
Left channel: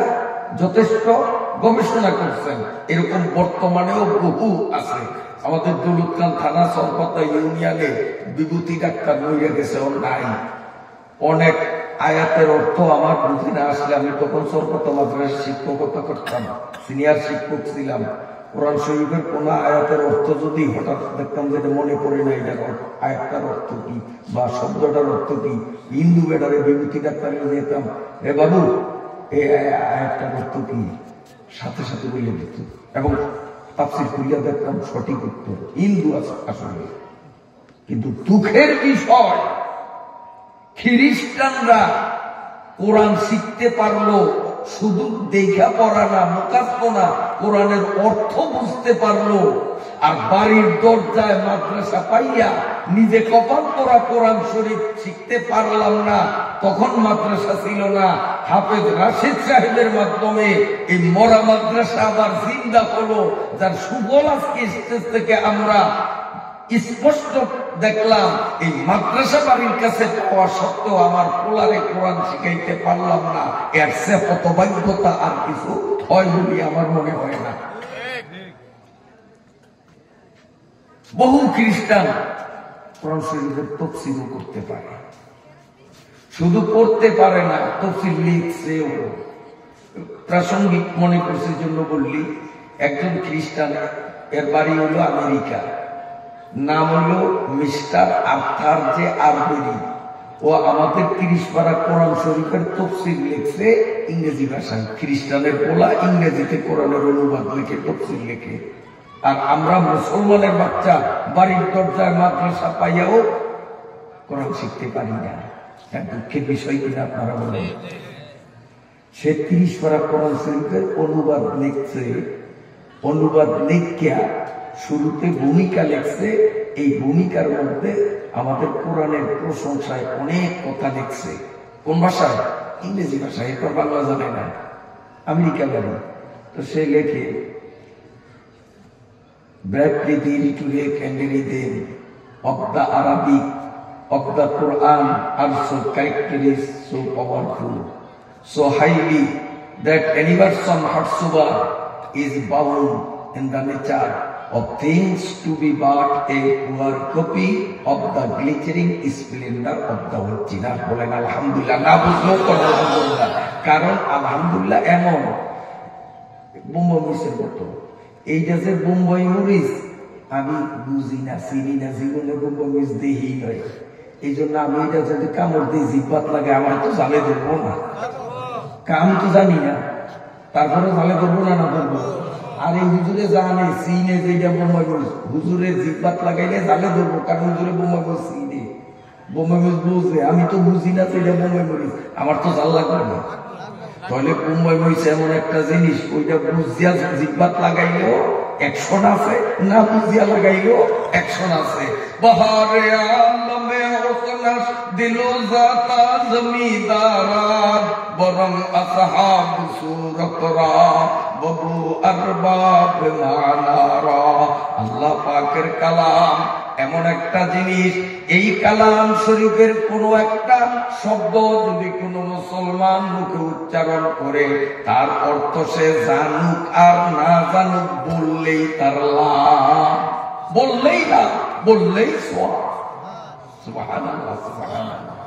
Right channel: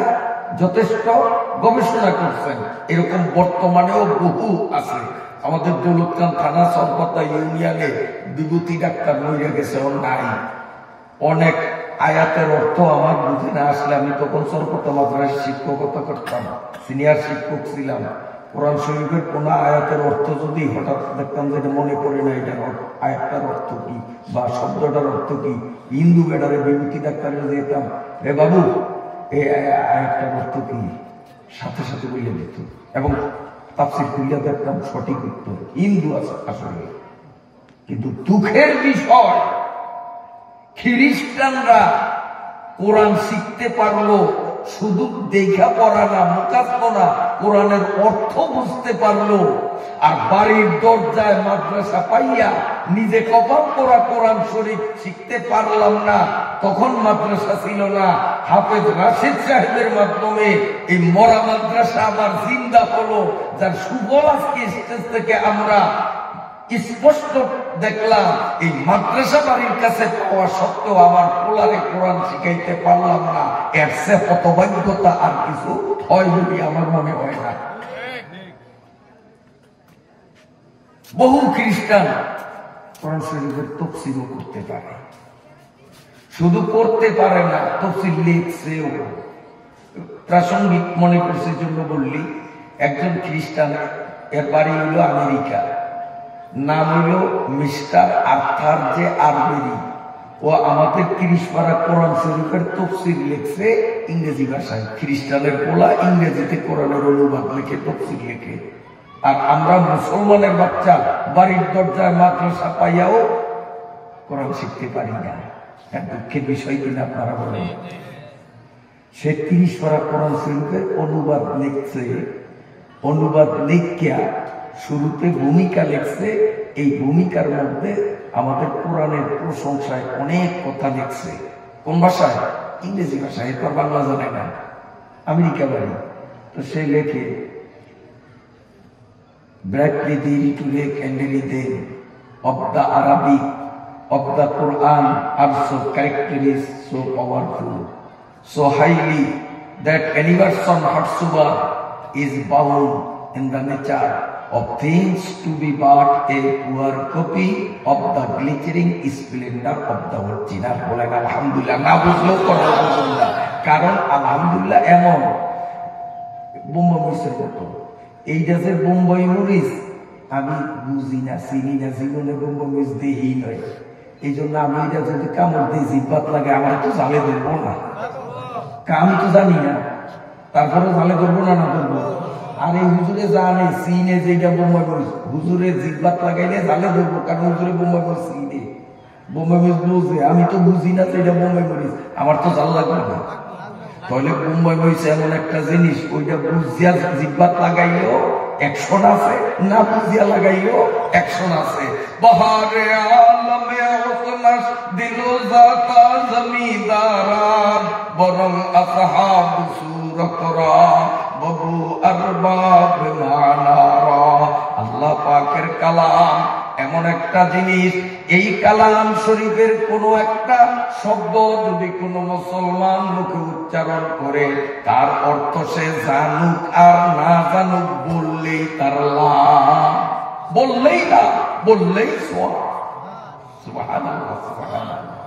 যথেষ্ট গবেষণা করছেন, এরকম বর্তমানেও বহু আছে। আমাদের দৌলতখান থানা সরপতা ইউনিয়নে বিভূতি ডাক্তার মহিলা গেছে, ওর নাই। অনেক আয়াতের অর্থ আমার বুঝে না আসলে, আমি তখন সরপতা মাদ্রাসায় শিক্ষকতা করতাম, সিনিয়র শিক্ষক ছিলাম। কোরআন শরীফের কোন আয়াতের অর্থ যদি হঠাৎ দেখতাম যেটা মনে পড়ে না, এটার আয়াতটার অর্থ কি বা শব্দটার অর্থ কি, হিন্দু বেটারে বিভূতি ডাক্তারে যেতাম, রে বাবু এই আয়াতটার অর্থ কি, সাথে সাথে বলে দিত, এবং তাফসীর খুলিয়া দেখতাম সঠিক উত্তর হিন্দু আছে আসলে। কিন্তু দুঃখের বিষয়, খ্রিস্টানরা কোরআন শিখতে পারলো, শুধু দেখা পড়া না, মুখস্থ না, কোরআনের অর্থ বুঝতে পারলো। আর বাড়ির দরজায় মাদ্রাসা পাইয়া নিজে কপাল পড়া কোরআন শরীফ শিখতে পারলাম না। তখন মাদ্রাসা ছিল না, হাফেজ রাশেদ সাহেবের মাধ্যমে এই মরা মাদ্রাসা আবার জিন্দা হলো, যার সুফল আজকে স্টেজ থেকে আমরা স্পষ্ট দেখলাম। এই মাদ্রাসা বাড়ির কাছে পাওয়া সত্ত্বেও আমার পোলারে কোরআন শিখাইতে পারলাম না, এর সে হতভাগ্যতা আর কিছু হয় বলে আমার মনে হয় না। বহু খ্রিস্টান কোরআন শরীফের তাফসীরও করতে পারে, শুধু পড়তে পারে না, তাফসীর লিখছেও। প্রাসঙ্গিক মনে করছে জন্য বললি, একজন খ্রিস্টান, এর বাড়ি হইল আমেরিকা, নাম হইল মিস্টার আর্থার জে আরবেরি। ও আমাদের 30 পারা কোরআন শরীফের তফসির লিখছে ইংরেজি ভাষায়। খ্রিস্টানের পোলা ইংরেজিতে কোরআনের অনুবাদ লিখে তফসির লিখে। আর আমরা মুসলমানের বাচ্চা বাড়ির দরজায় মাদ্রাসা পাইয়াও কোরআন শিখতে পারি না। দুঃখের বিষয় কিনা আপনারা বলেন। সে 30 পারা কোরআন শরীফের অনুবাদ লিখছে, অনুবাদ লিখিয়া শুরুতে ভূমিকা লিখছে। এই ভূমিকার মধ্যে আমাদের কোরআনের প্রশংসায় অনেক কথা লিখছে। কোন ভাষায়? ইংরেজি ভাষায়। এরপর বাংলা জানে না, আমেরিকা বাড়ি। তো সে লেখে, Bradley to Lake and Rhythm of the Arabic of the Quran are so characteristic, so powerful, so highly that any person whatsoever is bound in the nature of things to be but a poor copy of the glittering splendor of the original. বলেন আলহামদুলিল্লাহ। না বুঝলেও আলহামদুলিল্লাহ, কারণ আলহামদুলিল্লাহ এমন বোম্বাই মরিচের মতো। এইটা যে বোম্বাই মরিচ আমি বুঝি না, চিনি না, জীবনে বোম্বাই মরিচ দেহি নয়। এই জন্য আমি এটা যদি কামড় দিয়ে জিব্বাত লাগে আমার তো জালে ধরবো না, আমি তো জানি না, তারপরে জালে ধরবো না, না ধরবো। আর এই হুজুরে জানে চিনে যে এটা বোম্বাই মরিচ, হুজুরে জিব্বাত লাগাইলে জালে ধরবো, কারণ হুজুরে বোম্বাই মরিচ চিনে, বোম্বাই মরিচ বুঝে। আমি তো বুঝি না তো এটা বোম্বাই মরিচ, আমার তো জাল লাগবে না। তাহলে বোম্বাই মরিচ এমন একটা জিনিস, ওইটা বুঝিয়া জিব্বাত লাগাইলেও অ্যাকশন আছে, না বুঝিয়া লাগাইলেও অ্যাকশন আছে। বহারে আলমে ওসনাস দিলো জাতা জমিদারান বরং আসহাব সুরতরা ববু আরবাব মানারা। আল্লাহ পাকের কালাম এমন একটা জিনিস, এই কালাম শরীফের কোনো একটা শব্দ যদি কোনো মুসলমান মুখে উচ্চারণ করে, তার অর্থ সে জানুক আর না জানুক, বললেই তার লাভ, বললেই লাভ, বললেই সওয়াব। সুবহানাল্লাহ, সুবহানাল্লাহ।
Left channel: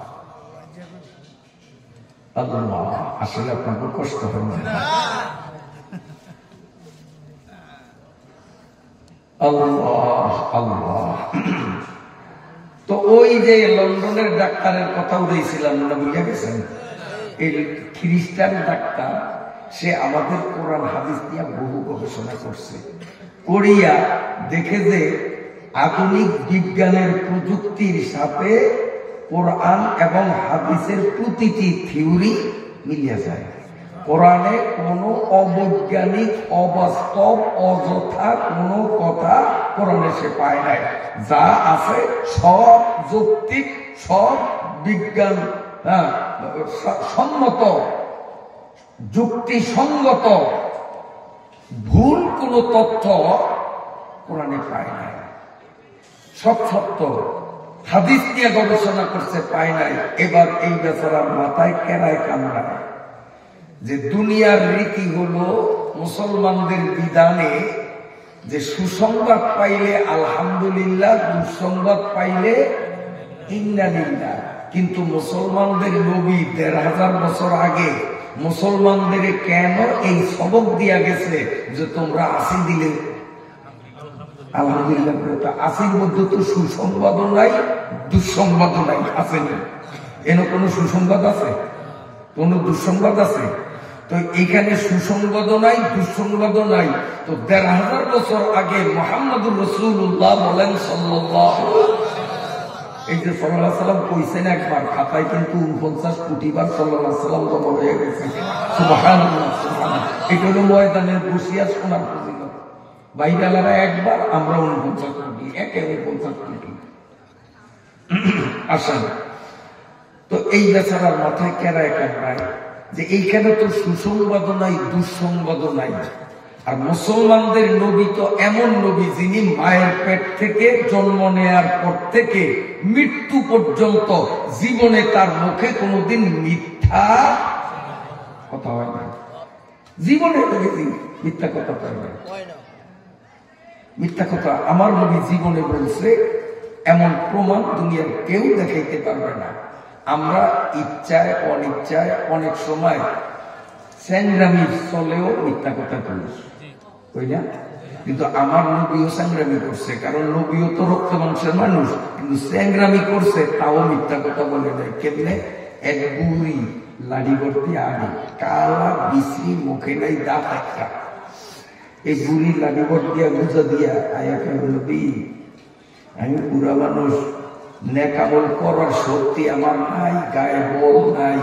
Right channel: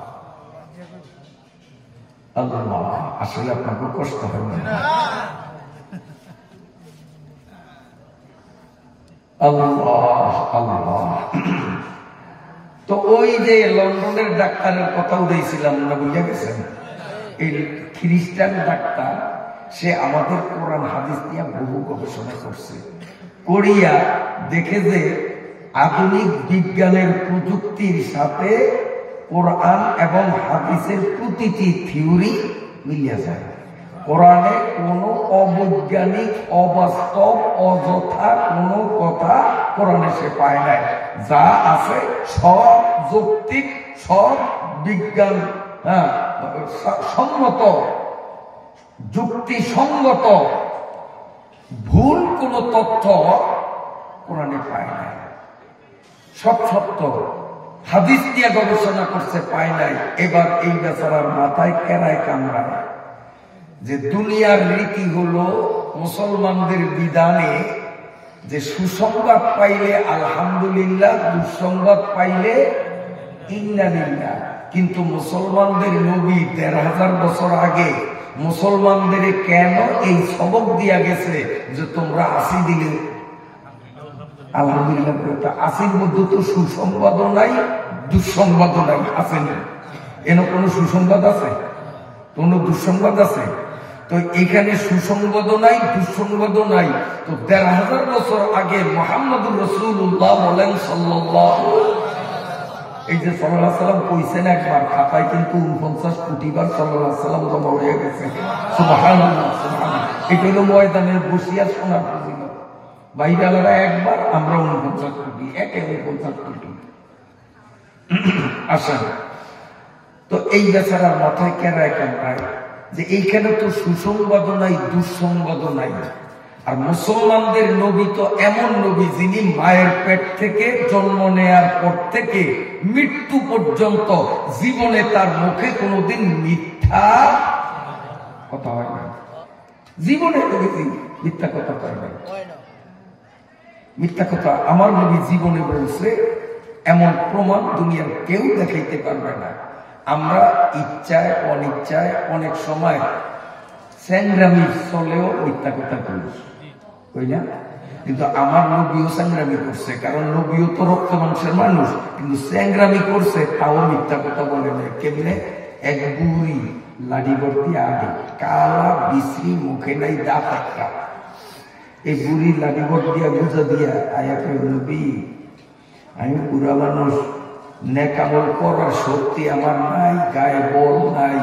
আল্লাহ, আসলে আপনাকে কষ্ট হয় না। আল্লাহ আল্লাহ। তো ওই যে লন্ডনের ডাক্তারের কথা উঠেছিলাম না, বুঝে গেছেন? এই খ্রিস্টান ডাক্তার, সে আমাদের কোরআন হাদিস নিয়ে বহু গবেষণা করছে। করিয়া দেখে যে আধুনিক বিজ্ঞানের প্রযুক্তির সাথে কোরআন এবং হাদিসের প্রতিটি থিওরি মিলিয়ে যায়। কোরআনে কোনো অবৈজ্ঞানিক, অবাস্তব, অযথা কোনো কথা কোরআনে সে পায় নাই। যা আছে সব যৌক্তিক, সব বিজ্ঞান সম্মত, যুক্তিসঙ্গত। ভুল কোনো তথ্য কোরআনে পায় নাই, সব সত্য। হাদিস দিয়ে গবেষণা করছে, পায় নাই। এবার এই বেচারার মাথায় কেরায় কামড়ায় যে দুনিয়ার রীতি হলো মুসলমানদের বিধানে যে সুসংবাদ পাইলে আলহামদুলিল্লাহ, দুঃসংবাদ পাইলে ইন্নালিল্লাহ। কিন্তু মুসলমানদের নবী ১৫০০ বছর আগে মুসলমানদের কেন এই সবক দিয়া গেছে যে তোমরা আসি দিলে আলহামদুলিল্লাহ। আসির মধ্যে তো সুসংবাদও নাই, দুঃসংবাদও নাই, আসেনি। এন কোন সুসংবাদ আছে? কোন দুঃসংবাদ আছে? তো এখানে সুসংবাদও নাই, দুঃসংবাদও নাই। তো ১৫০০ বছর আগে মুহাম্মদুর রাসূলুল্লাহ বলেন সাল্লাল্লাহু, এই যে সাল্লাল্লাহু আলাইহি সাল্লাম কইছেন একবার, খাতায় কিন্তু ৪৯ কোটি বার সাল্লাল্লাহু আলাইহি সাল্লাম জমা হয়ে গেছে। সুবহানাল্লাহ, সুবহানাল্লাহ। এটা হলো ময়দানে বসিয়া শোনার ফজিলত। বাইরেলারা একবার, আমরা ৪৯ কোটি, ৪৯ কোটি। আসেন, তো এই বেচারার মাথায় কেরায় কামড়ায় যে এইখানে তো সুসংবাদও নাই, দুঃসংবাদও নাই। আর মুসলমানদের নবী তো এমন নবী যিনি মায়ের পেট থেকে জন্ম নেয়ার পর থেকে মৃত্যু পর্যন্ত জীবনে তার মুখে কোনোদিন মিথ্যা কথা হয় না। জীবনে মিথ্যা কথা হয় না। মিথ্যা কথা আমার নবী জীবনে বলছে, এমন প্রমাণ দুনিয়ার কেউ দেখাইতে পারবে না। আমরা ইচ্ছায় অনিচ্ছায় অনেক সময় স্যাংরামি চলেও মিথ্যা কথা করিস, কই না? কিন্তু আমার নবীও স্যাংরামি করছে, কারণ নবীও তো রক্ত মাংসের মানুষ, কিন্তু স্যাংরামি করছে তাও মিথ্যা কথা বলে নাই। কেমনে? এক বুড়ি লাঠি ভর্তি আগে, কালা বিশ্রী, মুখে নাই দাঁত একটা, এই বুড়ি লাঠি ভর্তি দিয়া গুজা দিয়া আয়া কয়, নবী আমি বুড়া মানুষ, নেকামল করার শক্তি আমার নাই, গায়ে বল নাই,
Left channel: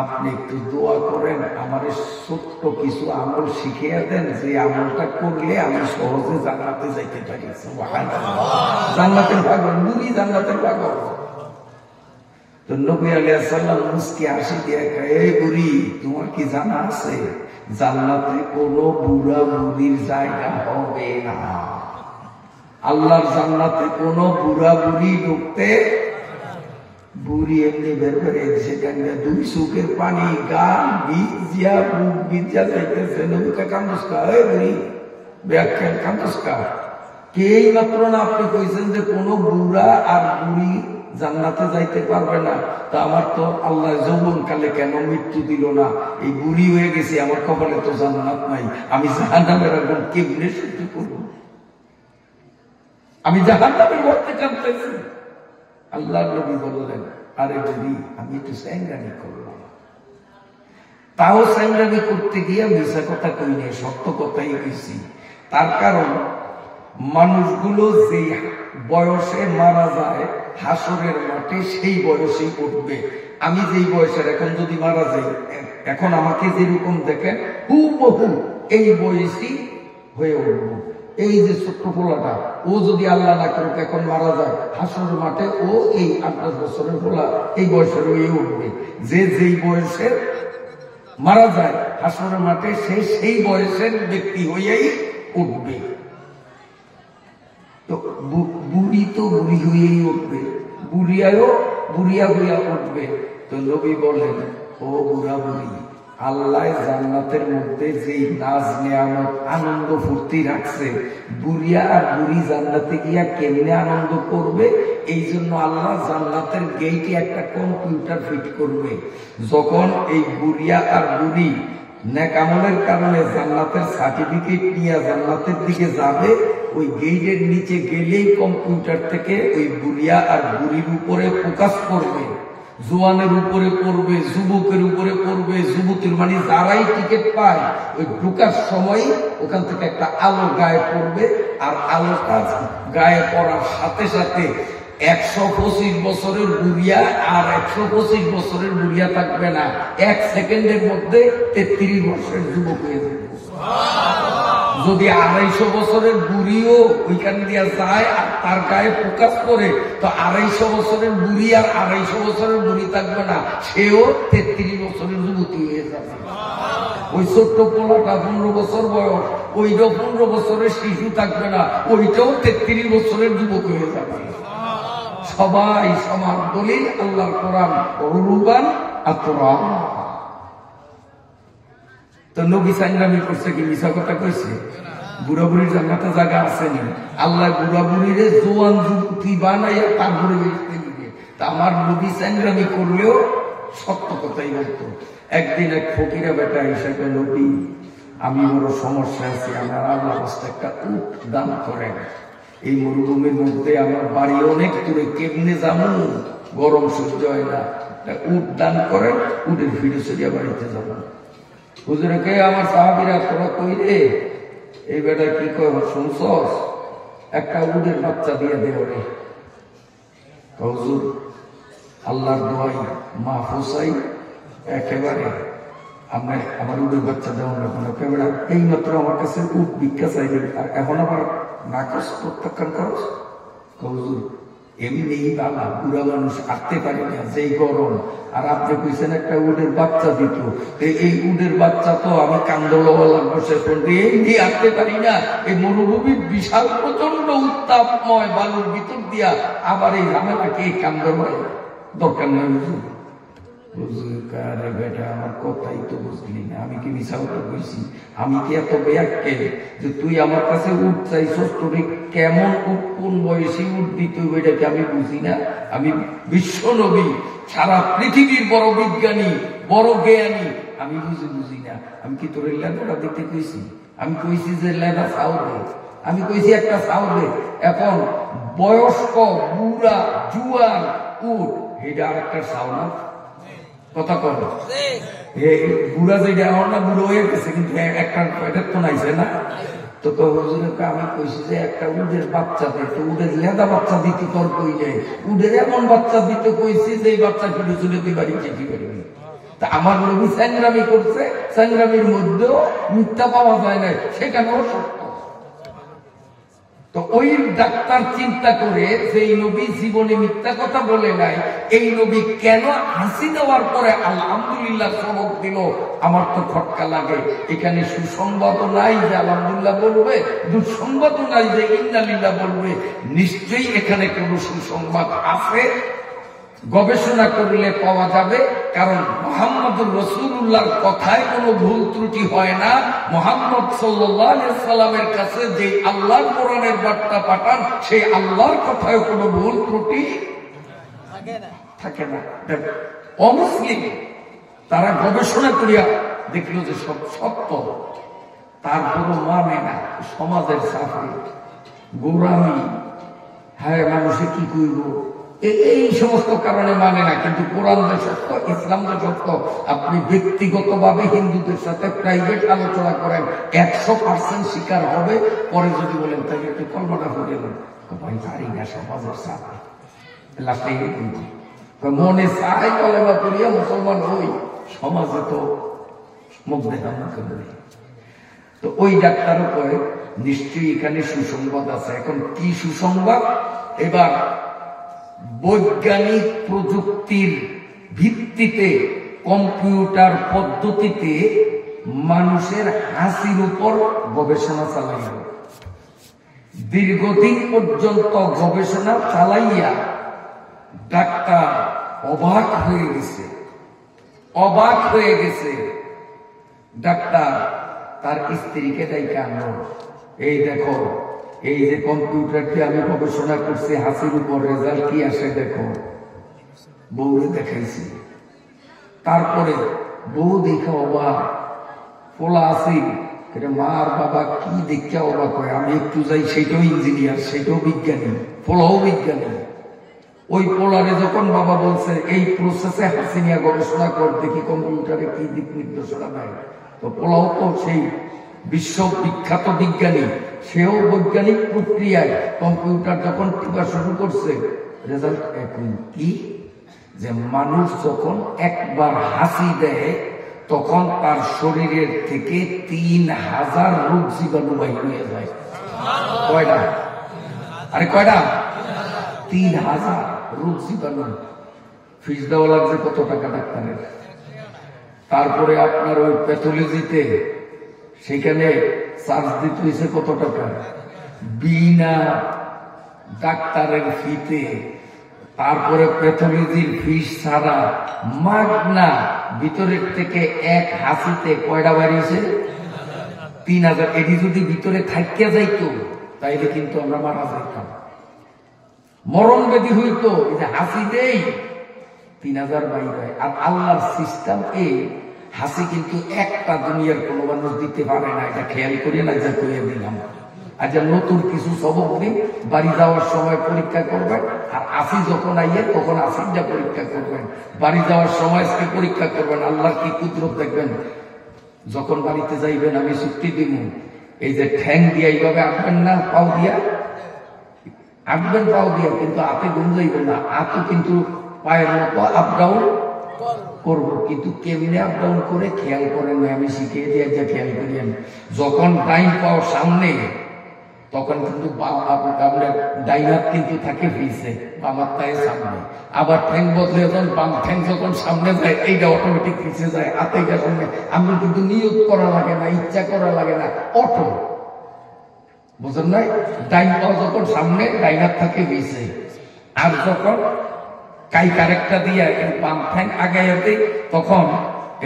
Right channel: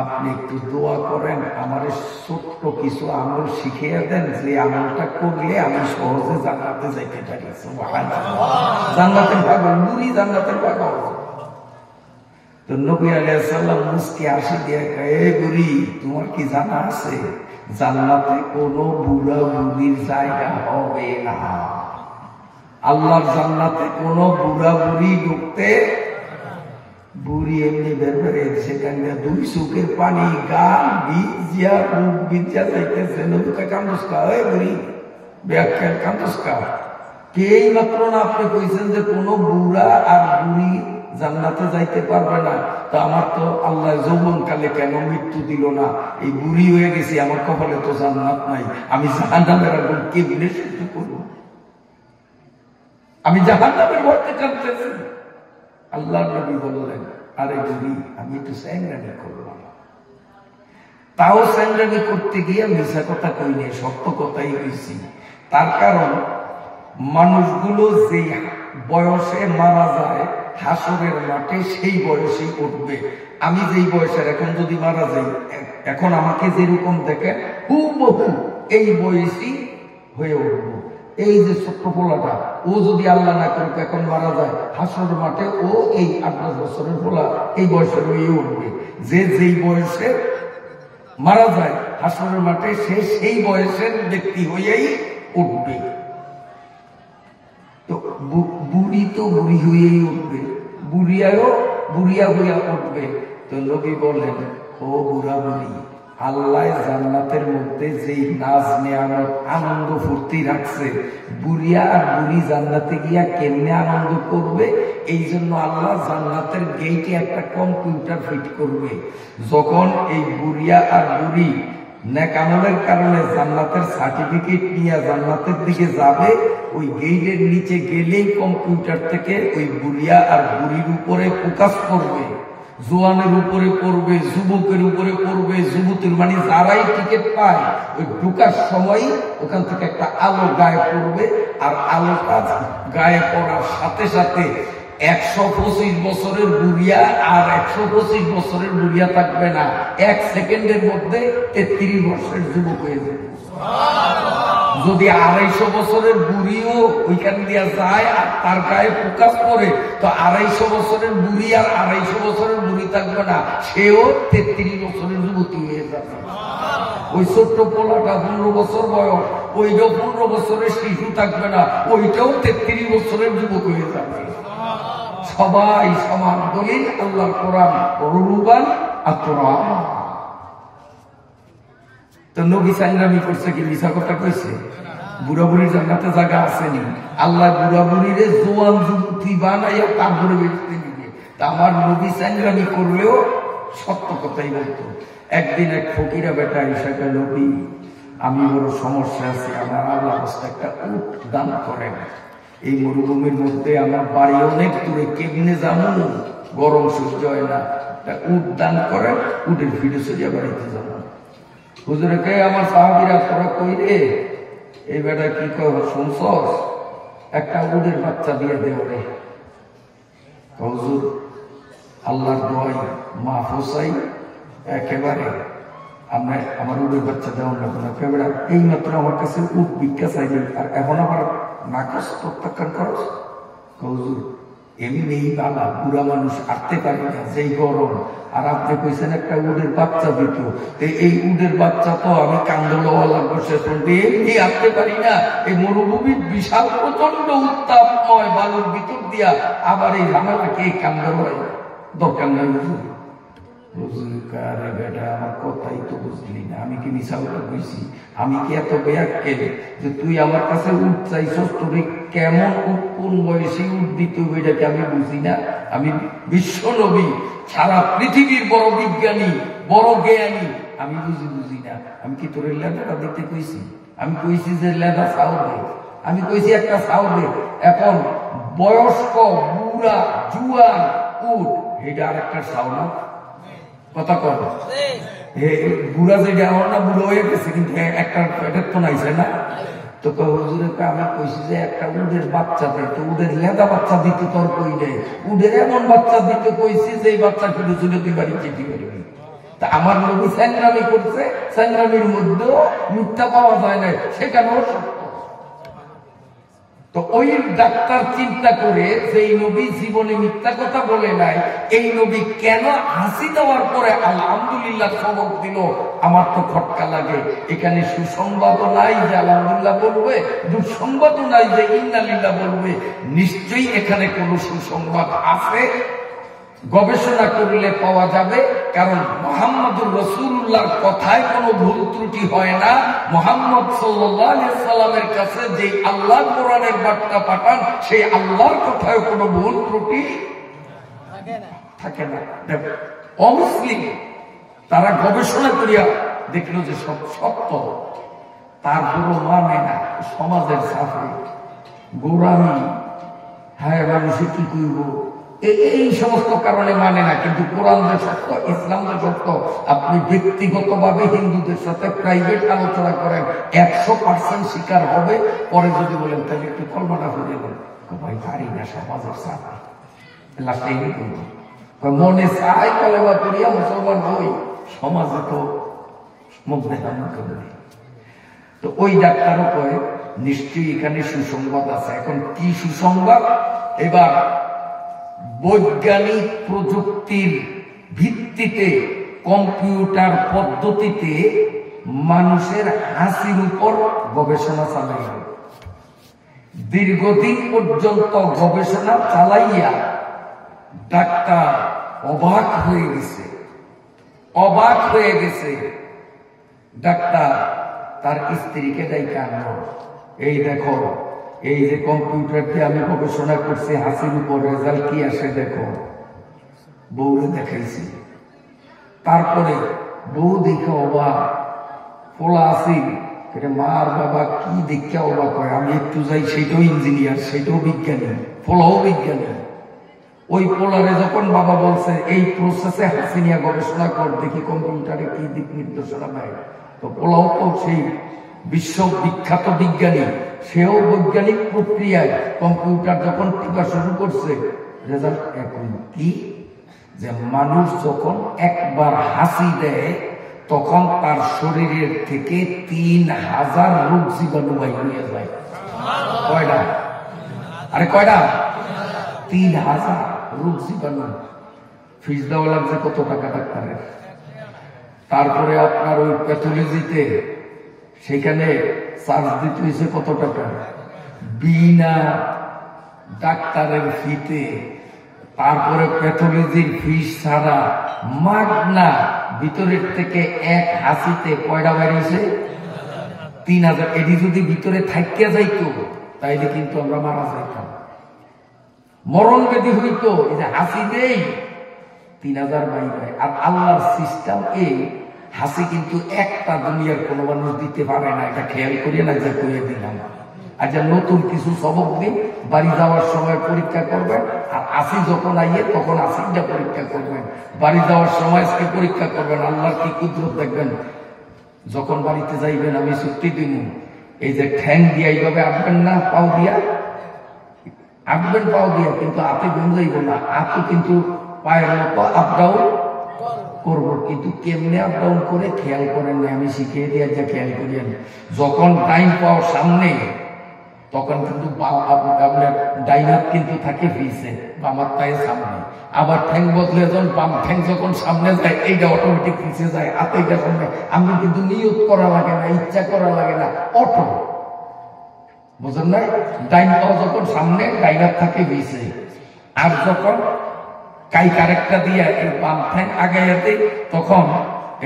আপনি একটু দোয়া করেন, আমার ছোট্ট কিছু আমল শিখিয়ে দেন, যে আমলটা করলে আমি সহজে জান্নাতে যাইতে পারি। জান্নাতের পাগল বুড়ি, জান্নাতের পাগল। তো নবী আলাইহিস সালাম মুস্কি হাসি দিয়ে কয়, এই বুড়ি তোমার কি জানা আছে জান্নাতে কোনো বুড়া বুড়ির জায়গা হবে না? আল্লাহর জান্নাতে কোনো বুড়া বুড়ি ঢুকতে, বুড়ি এমনি বের বেড়ে সেখানে দুই চোখের পানি গান ভিজিয়া বুক ভিজা যাইতেছে। নবীকে কান্দুস্কা, এই বুড়ি ব্যাখ্যান কান্দুস্কা, কে মাত্র না আপনি কইছেন যে কোনো বুড়া আর বুড়ি জান্নাতে যাইতে পারবে না, তো আমার তো আল্লাহ যৌবন কালে কেন মৃত্যু দিল না? এই বুড়ি হয়ে গেছি, আমার কপালে তো জান্নাত নাই, আমি জাহান্নামের আগুন কেমনে সহ্য করব? আমি জাহান্নামের ভয়তে কাঁদতেছি। আল্লাহ নবী বললেন, আরে নবী আমি একটু স্যাংরামি করলাম, তাও স্যাংরামি করতে গিয়ে মিশা কথা কই নাই, সত্য কথাই হয়েছি। তার কারণ মানুষগুলো যে বয়সে মারা যায় হাসরের মাঠে, সেই বয়সে উঠবে। আমি যেই বয়সের এখন যদি মারা যাই, এখন আমাকে যেরকম দেখেন হুবহু এই বয়সই হয়ে উঠবো। এই যে ছোট্ট পোলাটা, ও যদি আল্লাহ না করে এখন মারা যায় হাসরের মাঠে, ও এই 8-10 বছরের পোলা এই বয়সের হয়ে উঠবে। যে যেই বয়সে মারা যায় হাসরের মাঠে, সে সেই বয়সের ব্যক্তি হয়েই উঠবে। তো বুড়ি তো বুড়ি হয়েই উঠবে, বুড়িয়া হইয়া উঠবে। তো নবী বললেন, ও বুড়া বুড়ি, আল্লাহ জান্নাতের মধ্যে যেই নাজ নেয়ামত আনন্দ ফুর্তি রাখছে, বুড়িয়া আর বুড়ি জান্নাতে গিয়া কেমনে আনন্দ করবে, এই জন্য আল্লাহ জান্নাতের গেইটে একটা কম্পিউটার ফিট করবে। যখন এই বুড়িয়া আর বুড়ি নেকামলের কারণে জান্নাতের সার্টিফিকেট নিয়ে জান্নাতের দিকে যাবে, ওই গেইটের নিচে গেলেই কম্পিউটার থেকে ওই বুড়িয়া আর বুড়ির উপরে ফোকাস করবে, জোয়ানের উপরে পড়বে, যুবকের উপরে পড়বে, যুবতীর মানে যারাই টিকিট পায় ওই ঢুকার সময় ওখান থেকে একটা আলো গায়ে পড়বে, আর আলোটা গায়ে পড়ার সাথে সাথে 125 বছরের বুড়িয়া আর 125 বছরের বুড়িয়া থাকবে না, 1 সেকেন্ডের মধ্যে 33 বছরের যুবক হয়ে যাবে। যদি 250 বছরের বুড়িও ওইখান দিয়ে যায় আর তার গায়ে ফোকাস করে, তো 250 বছরের বুড়ি আর 250 বছরের বুড়ি থাকবে না, সেও 33 বছরের যুবতী হয়ে যাবে। ওই ছোট্ট পোলাটা 15 বছর বয়স, ওইটাও 15 বছরের শিশু থাকবে না, ওইটাও 33 বছরের যুবক হয়ে যাবে। সবাই সমান। দলিল আল্লাহর কোরআন, রুবান আতরামা। তো নবী সাইনরামি করছে কি মিছা কথা কইছে? বুড়া বুড়ির জান্নাতে জায়গা আসেনি। আল্লাহ বুড়া বুড়িরে জোয়ান যুবতী বানাইয়া তারপরে বেঁচতে দিবে। তা আমার নবী সাইনরামি করলেও সত্য কথাই বলতো। একদিন এক ফকিরা বেটা হিসাবে, নবী আমি বড় সমস্যা আছে, আমার আল্লাহ একটা উট দান করেন। এই মরুভূমির মধ্যে আমার বাড়ি অনেক দূরে, কেমনে যাবো, গরম সহ্য হয় না, উট দান করেন, উটের ভিড়ে চলিয়া বাড়িতে যাবো। হুজুরে কে আমার সাহাবীরা, তোরা কই রে? এই বেটা কি কয়, শুনছস? একটা উটের বাচ্চা দিয়ে দেও রে। হুজুর আল্লাহর দোয়াই মাহফুজ চাই, একেবারে আমার উটের বাচ্চা দেওয়া না। একেবারে এই মাত্র আমার কাছে উট ভিক্ষা চাইবে, আর এখন আবার নাকচ প্রত্যাখ্যান করস? হুজুর এমনি বালা বুড়া মানুষ আটতে পারি না, যেই গরম, আর আপনি কইছেন একটা উটের বাচ্চা দিত, এই উটের বাচ্চা তো আমি কান্দোলওয়ালা বসে পড়বে, এমনি আটতে পারি না। এই মরুভূমির বিশাল প্রচন্ড উত্তাপময় বালুর ভিতর দিয়া আবার এই ঝামেলাকে কান্দর হয়, দরকার নাই হুজুর। হুজুর আরে বেটা আমার কথাই তো বুঝলি না, আমি কি মিছা কথা কইছি? আমি কি এত বেয়াক্কে যে তুই আমার কাছে উঠ চাইছস? তোর কেমন উঠ, কোন বয়সে উঠ দিত এটাকে আমি বুঝি না? আমি বিশ্ব নবী, সারা পৃথিবীর বড় বিজ্ঞানী, বড় জ্ঞানী, আমি বুঝি না। আমি কি তোর লেদাটা দিতে কইছি? আমি কইছি যে লেদা চাও দে, আমি কইছি একটা চাও দে। এখন বয়স্ক বুড়া জুয়ান উঠ, এটা আর একটা চাও না, কথা কর। বুড়া যেটা আমার না বুড়ো হয়ে গেছে, কিন্তু একটা এটা তো নাইছে না। তো হুজুরকে আমি কইছি যে একটা উডের বাচ্চা দিত, উডের লেদা বাচ্চা দিতে তোর কই যায়, উডের এমন বাচ্চা দিতে কইছি যে এই বাচ্চা ফিরে চলে তুই বাড়ি যেতে পারবি। তা আমার নবী সংগ্রামী করছে, সংগ্রামীর মধ্যেও মিথ্যা পাওয়া যায় না, সেখানেও সত্য। তো ওই ডাক্তার চিন্তা করে সেই নবী জীবনে মিথ্যা কথা বলে নাই, এই নবী কেন হাসি দেওয়ার পরে আলহামদুলিল্লাহ সবক দিল, আমার তো খটকা লাগে। এখানে সুসংবাদও নাই যে আলহামদুলিল্লাহ বলবে, দুঃসংবাদও নাই যে ইন্নালিল্লাহ বলবে। নিশ্চয়ই এখানে কোনো সুসংবাদ আছে, গবেষণা করলে পাওয়া যাবে। কারণ মুহাম্মদুর রাসূলুল্লাহর কথায় কোনো ভুল ত্রুটি হয় না। মুহাম্মদ সাল্লাল্লাহু আলাইহি সাল্লামের কাছে যে আল্লাহর কোরআনের বার্তা পাঠান, সেই আল্লাহর কথায় কোনো ভুল ত্রুটি থাকে না। অমুসলিম তারা গবেষণা করিয়া দেখল যে সব সত্য, তারপরও মানে না। সমাজের সাথে গোরামি, হ্যাঁ মানুষে কি করব, এই সমস্ত কারণে মানে না। কিন্তু কোরআন যে সত্য, ইসলাম যে সত্য, আপনি ব্যক্তিগতভাবে হিন্দুদের সাথে প্রাইভেট আলোচনা করেন, 100% স্বীকার হবে। পরে যদি বলেন তাহলে একটু কল্পনা করে দেন, ভাই পারি না, সমাজের সাথে লাস্টে মনে চায় কলেমা করিয়া মুসলমান হই, সমাজে তো মুখ দেখা মুখ নেই। তো ওই ডাক্তারও কয় নিশ্চয়ই এখানে সুসংবাদ আছে। এখন কি সুসংবাদ? এবার বৈজ্ঞানিক প্রযুক্তির ভিত্তিতে কম্পিউটার পদ্ধতিতে মানুষের হাসির উপর গবেষণা চালাইয়া, দীর্ঘদিন পর্যন্ত গবেষণা চালাইয়া ডাক্তার অবাক হয়ে গেছে, অবাক হয়ে গেছে। ডাক্তার তার স্ত্রীকে ডাইকে আনলো, এই দেখো এই যে কম্পিউটারটি আমি গবেষণা করছি হাসির উপর, রেজাল্ট কি আসে দেখো। বউরে দেখাইছি, তারপরে বউ দেখে অবাক, পোলা আসি মা আর বাবা কি দেখে অবাক হয়। আমি একটু যাই, সেইটাও ইঞ্জিনিয়ার, সেইটাও বিজ্ঞানী, পোলাও বিজ্ঞানী। ওই পোলারে যখন বাবা বলছে এই প্রসেসে হাসি নিয়ে গবেষণা কর, দেখি কম্পিউটারে কি দিক নির্দেশনা দেয়। তো পোলাও তো সেই বিশ্ববিখ্যাত বিজ্ঞানী, সেও বৈজ্ঞানিক প্রক্রিয়ায় কম্পিউটার যখন টিপা শুরু করছে, রেজাল্ট একই। কি যে মানুষ যখন একবার হাসি দেয় তখন তার শরীরের থেকে 3000 রোগ জীবাণু বাহির হয়ে যায়। কয়টা? আরে কয়টা? 3000 রোগ জীবাণু। ফিস দেওয়া লাগছে কত টাকা ডাক্তারের। তারপরে আপনার ওই প্যাথোলজিতে সেখানে চার্জ দিতে হয়েছে কত টাকা, বিনা ডাক্তারের ফিতে। তারপরে প্যাথোলজির ফিস ছাড়া মাগনা ভিতরের থেকে এক হাসিতে কয়টা বাড়িয়েছে? 3000। এটি যদি ভিতরে থাকিয়া যাইতো তাইলে কিন্তু আমরা মারা যাইতাম, মরণ ব্যাধি হইতো। এই যে হাসি দেই 3000 বাইরে। আর আল্লাহর সিস্টেম এই হাসি কিন্তু একটা দুনিয়ার কোনো মানুষ দিতে পারে না, এটা খেয়াল করিয়ে না, যা করিয়ে দিলাম। আজ নতুন কিছু সবক দিন, বাড়ি যাওয়ার সময় পরীক্ষা করবেন, আর আসি যখন আইয়ে তখন আসিটা পরীক্ষা করবেন, বাড়ি যাওয়ার সময় পরীক্ষা করবেন। আল্লাহর কি কুদরত দেখবেন। যখন বাড়িতে যাইবেন আমি চুক্তি দিব, এই যে ঠ্যাং দিয়া এইভাবে আঁকবেন না, পাও দিয়া আঁকবেন, পাও দিয়া, কিন্তু হাতে গুম যাইব না। হাতও কিন্তু পায়ের মতো আপ ডাউন করবো, কিন্তু কেমনে আপ ডাউন করে খেয়াল করেন না, আমি শিখিয়ে দিয়ে যা খেয়াল করিয়েন। যখন টাইম পাও সামনে, তখন কিন্তু আপনার ডাইন হাত কিন্তু থাকে পিছে, বামার পায়ে সামনে। আবার ঠ্যাং বদলে যখন বাম ঠ্যাং যখন সামনে যায়, এইটা অটোমেটিক পিছিয়ে যায়, হাতেটা সামনে। আমি কিন্তু নিয়োগ করা লাগে না, ইচ্ছা করা লাগে না, অটো। বুঝলেন নাই? ডাইন পাও যখন সামনে, ডাইন হাত থাকে পিছে। আর যখন কাই কারেক্টটা দিয়ে এই বাম ঠ্যাং আগাইয়া দিই, তখন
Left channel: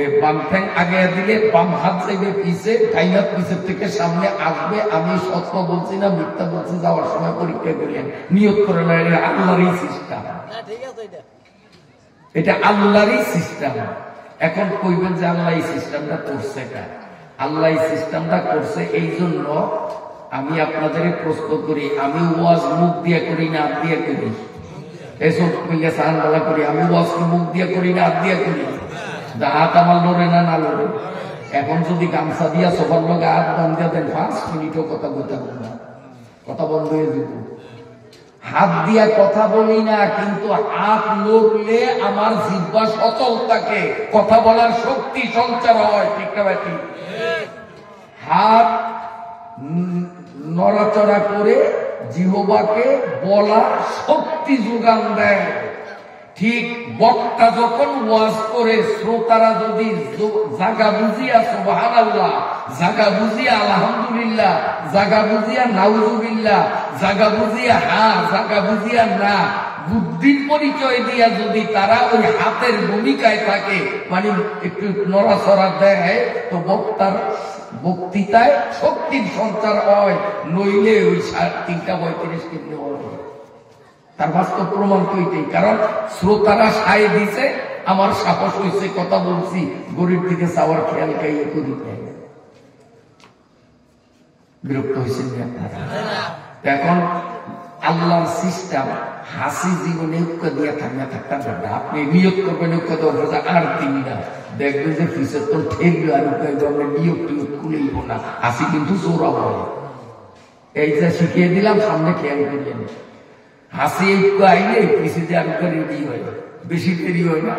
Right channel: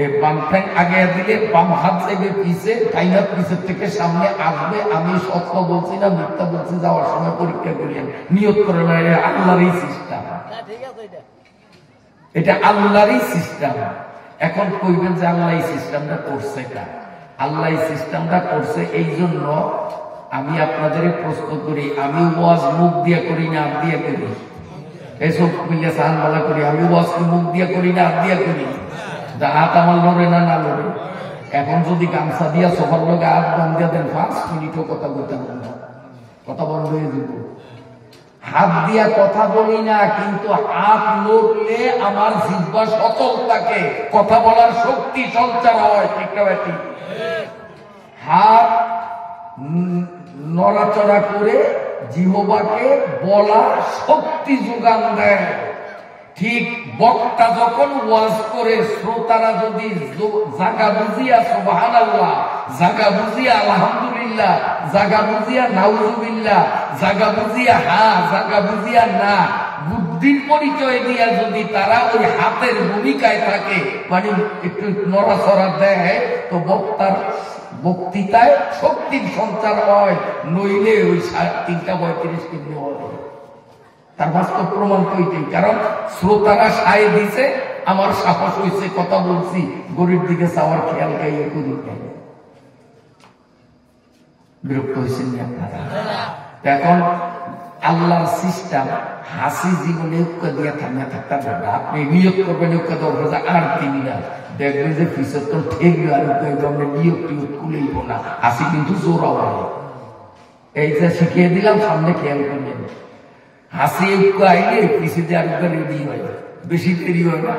এই বাম ঠ্যাং আগাইয়া দিলে বাম হাত থেকে পিছে, ডাইন হাত পিছের থেকে সামনে আসবে। আমি সত্য বলছি না মিথ্যা বলছি, যাওয়ার সময় পরীক্ষা করিয়েন, নিয়োগ করে না। এটা আল্লাহরই সিস্টেম, এটা আল্লাহরই সিস্টেম। এখন কইবেন যে আল্লাহ এই সিস্টেমটা করছে কা? আল্লাহ এই সিস্টেমটা করছে এই জন্য আমি আপনাদের প্রশ্ন করি, আমি ওয়াজ মুখ দিয়ে করি না হাত দিয়ে করি? এসব মিলে সাহান বলা করি, আমি ওয়াজ মুখ দিয়ে করি না হাত দিয়ে করি? হাত আমার লড়ে না না লড়ে? এখন যদি গামছা দিয়া সবার লোকে হাত বান্ধিয়া দেন 5 মিনিটও কথা বলতে না, কথা বন্ধ হয়ে যাব। হাত দিয়া কথা বলি না, কিন্তু হাত লড়লে আমার জিহ্বা সচল থাকে, কথা বলার শক্তি সঞ্চার হয়। ঠিক না ভাই? হাত নড়াচড়া করে জিহ্বাকে বলার শক্তি যোগান দেয়। ঠিক বক্তা যখন ওয়াজ করে শ্রোতারা যদি জাগা বুঝিয়া সুবহানাল্লাহ, জাগা বুঝিয়া আলহামদুলিল্লাহ, জাগা বুঝিয়া নাউজুবিল্লাহ, জাগা বুঝিয়া হ্যাঁ, জাগা বুঝিয়া না, বুদ্ধির পরিচয় দিয়া যদি তারা ওই হাতের ভূমিকায় থাকে, মানে একটু নড়াচড়া দেয়, তো বক্তার বক্তৃতায় শক্তির সঞ্চার হয়। নইলে ওই 3:35 কিলো হয়। তার বাস্তব প্রমাণ তৈরি, কারণ শ্রোতারা সায় দিছে, আমার সাহস হয়েছে, কথা বলছি, গরিব দিকে চাওয়ার খেয়াল খাইয়ে করি। বিরক্ত হয়েছেন আপনারা? এখন আল্লাহর সিস্টেম হাসি জীবনে উক্কা দিয়া থামিয়া থাকতে পারবে। আপনি নিয়োগ করবেন উক্কা দেওয়ার আর 3 না, দেখবেন যে পিছর তো ঠেকবে, আর নিয়োগ টিয়োগ খুলেইব না। হাসি কিন্তু জোরাও হয়। এই যে শিখিয়ে দিলাম, সামনে খেয়াল করিয়ে হাসি একটু আইলে পিছিয়ে যে আরেকটা রেডি হয়, বেশি দেরি হয় না।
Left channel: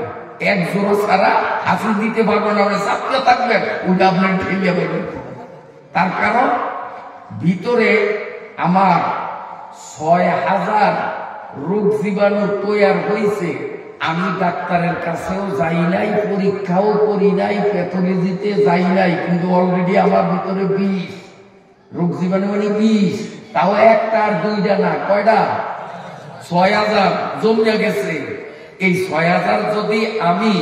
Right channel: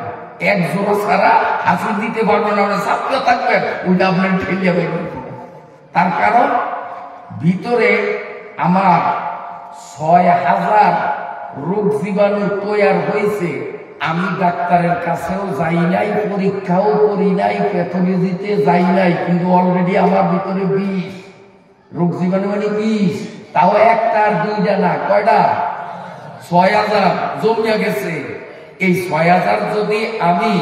এক জোড়া ছাড়া হাসি দিতে পারবেন না, চাপতে থাকবেন, ওটা আপনার ঠেলিয়ে বেরোবে। তার কারণ ভিতরে আমার 6000 রোগ জীবাণু তৈরি হয়েছে। আমি ডাক্তারের কাছেও যাই নাই, পরীক্ষাও করি নাই, প্যাথোলজিতে যাই নাই, কিন্তু অলরেডি আমার ভিতরে 20 রোগ জীবাণু, মানে 20। তাও একটা আর 2টা না, কয়টা? 6000 জমিয়া গেছে। এই 6000 যদি আমি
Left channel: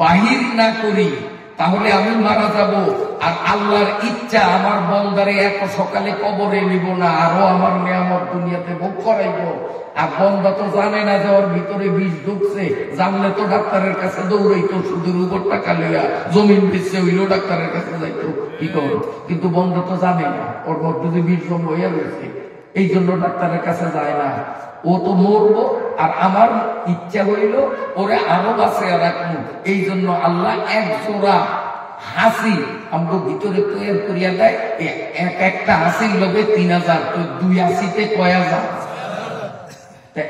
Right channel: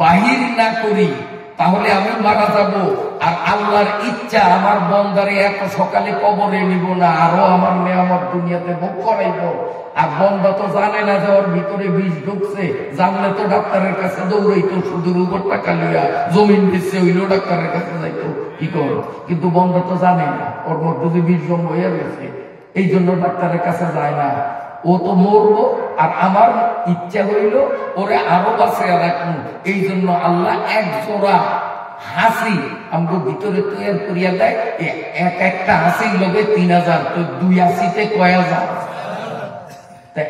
বাহির না করি তাহলে আমি মারা যাব। আর আল্লাহর ইচ্ছা আমার বন্দারে এত সকালে কবরে নিব না, আরো আমার নেয়ামত দুনিয়াতে ভোগ করাইব। আর বন্দা তো জানে না যে ওর ভিতরে বিষ ঢুকছে, জানলে তো ডাক্তারের কাছে দৌড়াইতো, শুধু উপর টাকা লইয়া জমিন দিচ্ছে হইলেও ডাক্তারের কাছে যাইতো, কি করো। কিন্তু বন্দা তো জানে না ওর মধ্যে যে বিষ জম হইয়া গেছে, এই জন্য ডাক্তারের কাছে যায় না। ও তো মরবো, আর আমার ইচ্ছা হইল ওরে আরো বাঁচে রাখবো। এই জন্য আল্লাহ এক জোড়া হাসি আমাকে ভিতরে তৈরি করিয়া দেয়। একটা হাসির লোকে 3000, তো 2 হাসিতে কয় হাজার?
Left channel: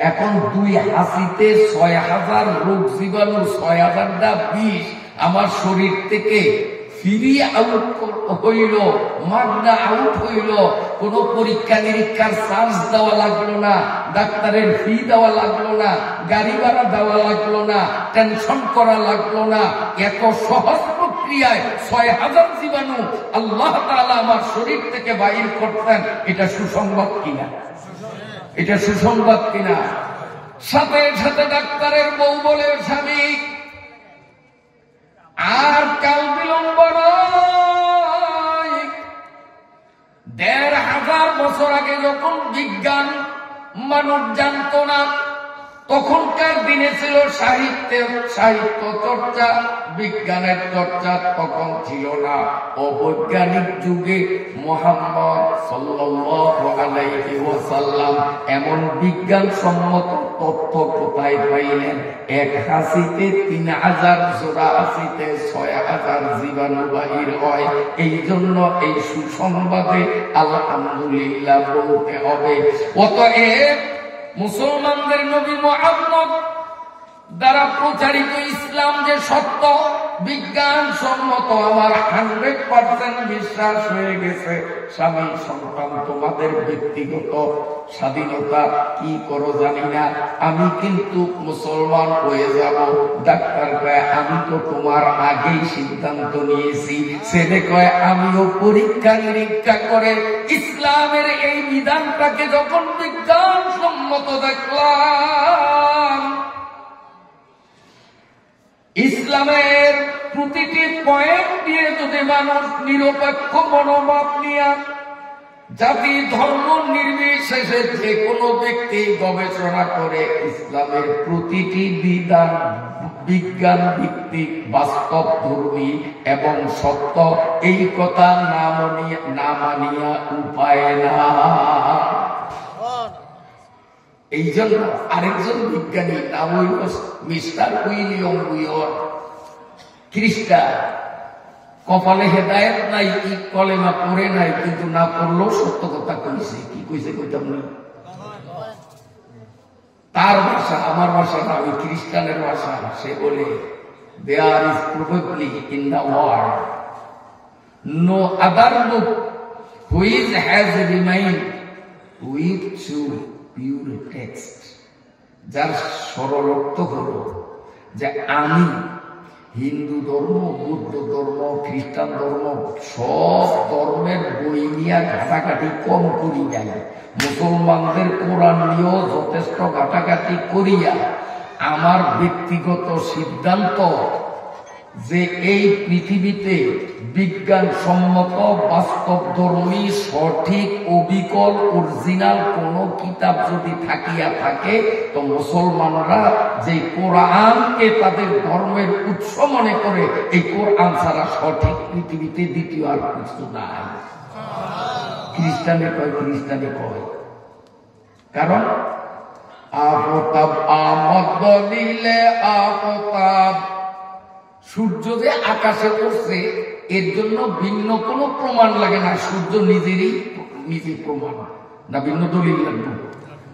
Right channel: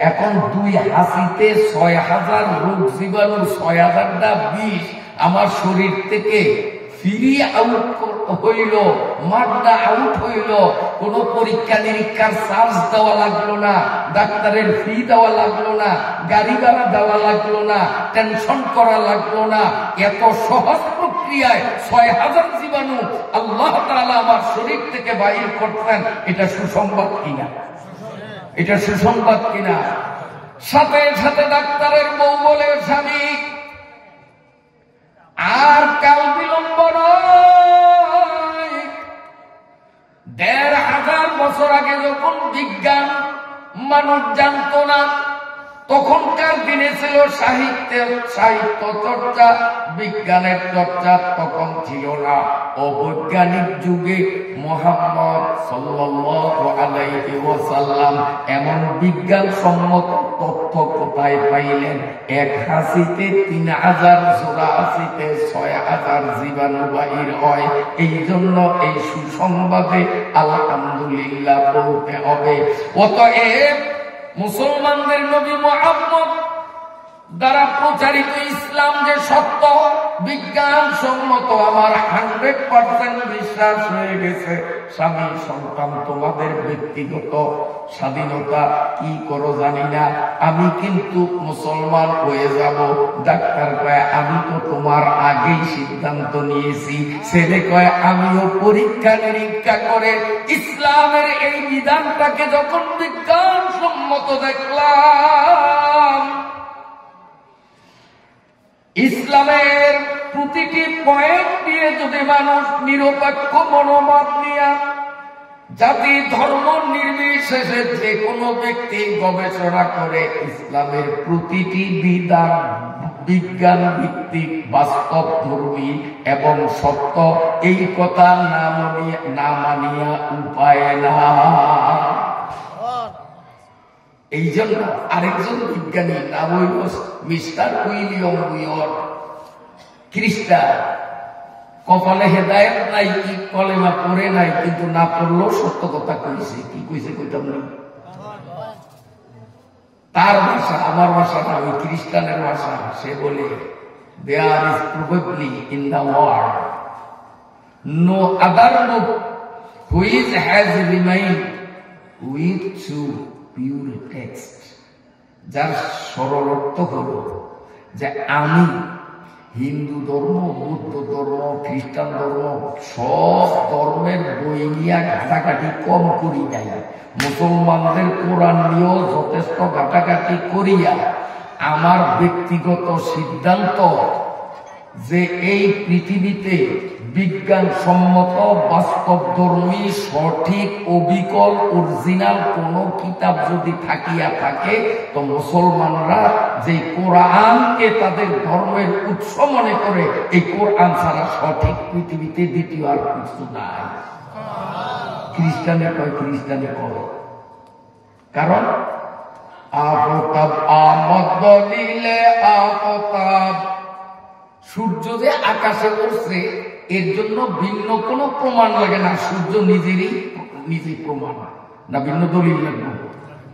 এখন 2 হাসিতে 6000 রোগ জীবাণু, 6000টা বিষ আমার শরীর থেকে ফ্রি আউট হইল, মাগনা আউট হইল। কোন পরীক্ষা নিরীক্ষার চার্জ দেওয়া লাগলো না, ডাক্তারের ফি দেওয়া লাগলো না, গাড়ি ভাড়া দেওয়া লাগলো না, টেনশন করা লাগলো না। এত সহজ প্রক্রিয়ায় 6000 জীবাণু আল্লাহ তাআলা আমার শরীর থেকে বাইর করতেন। এটা সুসংবাদ কিনা? এটা সুসংবাদ কিনা? সাথে সাথে ডাক্তারের বউ বলে, স্বামী আর কাল বিলম্ব নয়। 1500 বছর আগে যখন বিজ্ঞান মানুষ জানত না, তখনকার দিনে ছিল সাহিত্য চর্চা, বিজ্ঞানের চর্চা তখন ছিল না। অবৈজ্ঞানিক যুগে মুহাম্মদ সাল্লাল্লাহু আলাইহি ওয়াসাল্লাম এমন বিজ্ঞান সম্মত তথ্য কোথায় পাইলেন? 1 হাসিতে 3000, জোড়া হাসিতে 6000 জীবাণু বাহির হয়। এই জন্য এই সুসংবাদে আলহামদুলিল্লাহ বলতে হবে। অতএব মুসলমানদের নবী মুহাম্মদ দ্বারা প্রচারিত ইসলাম যে সত্য, বিজ্ঞান সম্মত, আমার 100% বিশ্বাস হয়ে গেছে। স্বামী সন্তান তোমাদের ব্যক্তিগত স্বাধীনতা, কি করো জানি না, আমি কিন্তু মুসলমান হয়ে যাব। ডাক্তার কয় আমি তো তোমার আগেই সিদ্ধান্ত নিয়েছি। ছেলে কয় আমিও পরীক্ষা নিরীক্ষা করে ইসলামের এই বিধানটাকে যখন বিজ্ঞান সম্মত দেখলাম, ইসলামের প্রতিটি পয়েন্ট দিয়ে যদি মানুষ নিরপেক্ষ মনোভাব নিয়ে জাতি ধর্ম নির্বিশেষে যে কোনো ব্যক্তি গবেষণা করে ইসলামের প্রতিটি বিধান বিজ্ঞান ভিত্তিক, বাস্তব ধর্মী এবং সত্য, এই কথা না মানিয়া উপায় না। এই জন্য আরেকজন বিজ্ঞানী নাম হইল মিস্টার উইলিয়াম উইয়ট, খ্রিস্টান, কপালে হেদায়েত নাই, কি কলেমা পড়ে নাই, কিন্তু না পড়লেও সত্য কথা কইছে। কি কইছে কইতাম না, তার ভাষা আমার ভাষা না, ওই খ্রিস্টানের ভাষা। সে বলে there is probably in the world no other book which has remained with true pure text, যার সরল অর্থ হল যে আমি হিন্দু ধর্ম, বৌদ্ধ ধর্ম, খ্রিস্টান ধর্ম, সব ধর্মের বই নিয়ে ঘাটাঘাটি কম করি নাই, মুসলমানদের কোরআন নিয়েও যথেষ্ট ঘাটাঘাটি করিয়া আমার ব্যক্তিগত সিদ্ধান্ত যে এই পৃথিবীতে বিজ্ঞানসম্মত বাস্তবধর্মী সঠিক অবিকল অরিজিনাল কোন কিতাব যদি থাকিয়া থাকে, তো মুসলমানরা যে কোরআনকে তাদের ধর্মের উৎস মনে করে, এই কোরআন ছাড়া সঠিক পৃথিবীতে দ্বিতীয় আর কিছু নাই। খ্রিস্টানে কয়, খ্রিস্টানে কয়, কারণ আফতাব আমদ দলিলে আফতাব, সূর্য যে আকাশে উঠছে এর জন্য ভিন্ন কোনো প্রমাণ লাগে না, সূর্য নিজেই প্রমাণ না, ভিন্ন দলিল লাগবে।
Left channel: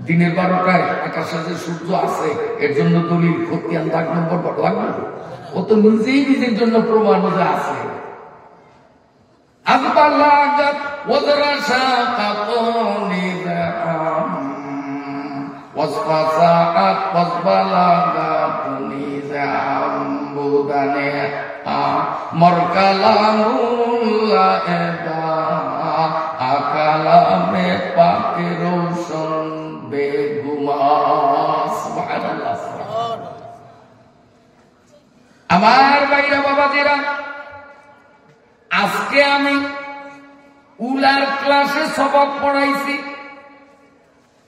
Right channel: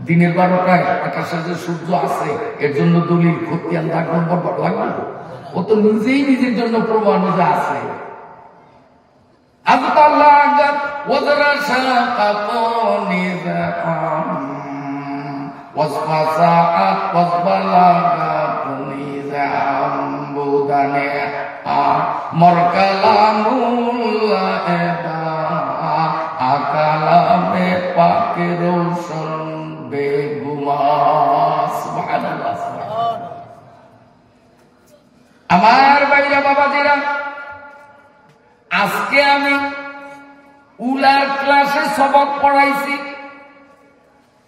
দিনের 12টায় আকাশে যে সূর্য আছে এর জন্য দলিল খতিয়ান দাগ নম্বর লাগবে, ও তো নিজেই নিজের জন্য প্রমাণ যে আছে। আকবালাগাত ওয়াজরাসাকাত নিজাম ওয়াসফাসাআত ওয়াসবালাগাত নিজাম বুদানে মরকালামুল্লাহ এদা আকালামে পাকে রোশন বেগুমা। সুবহানাল্লাহ। আমার ভাইরা বাবাজিরা, আজকে আমি উলার ক্লাসে সবক পড়াইছি,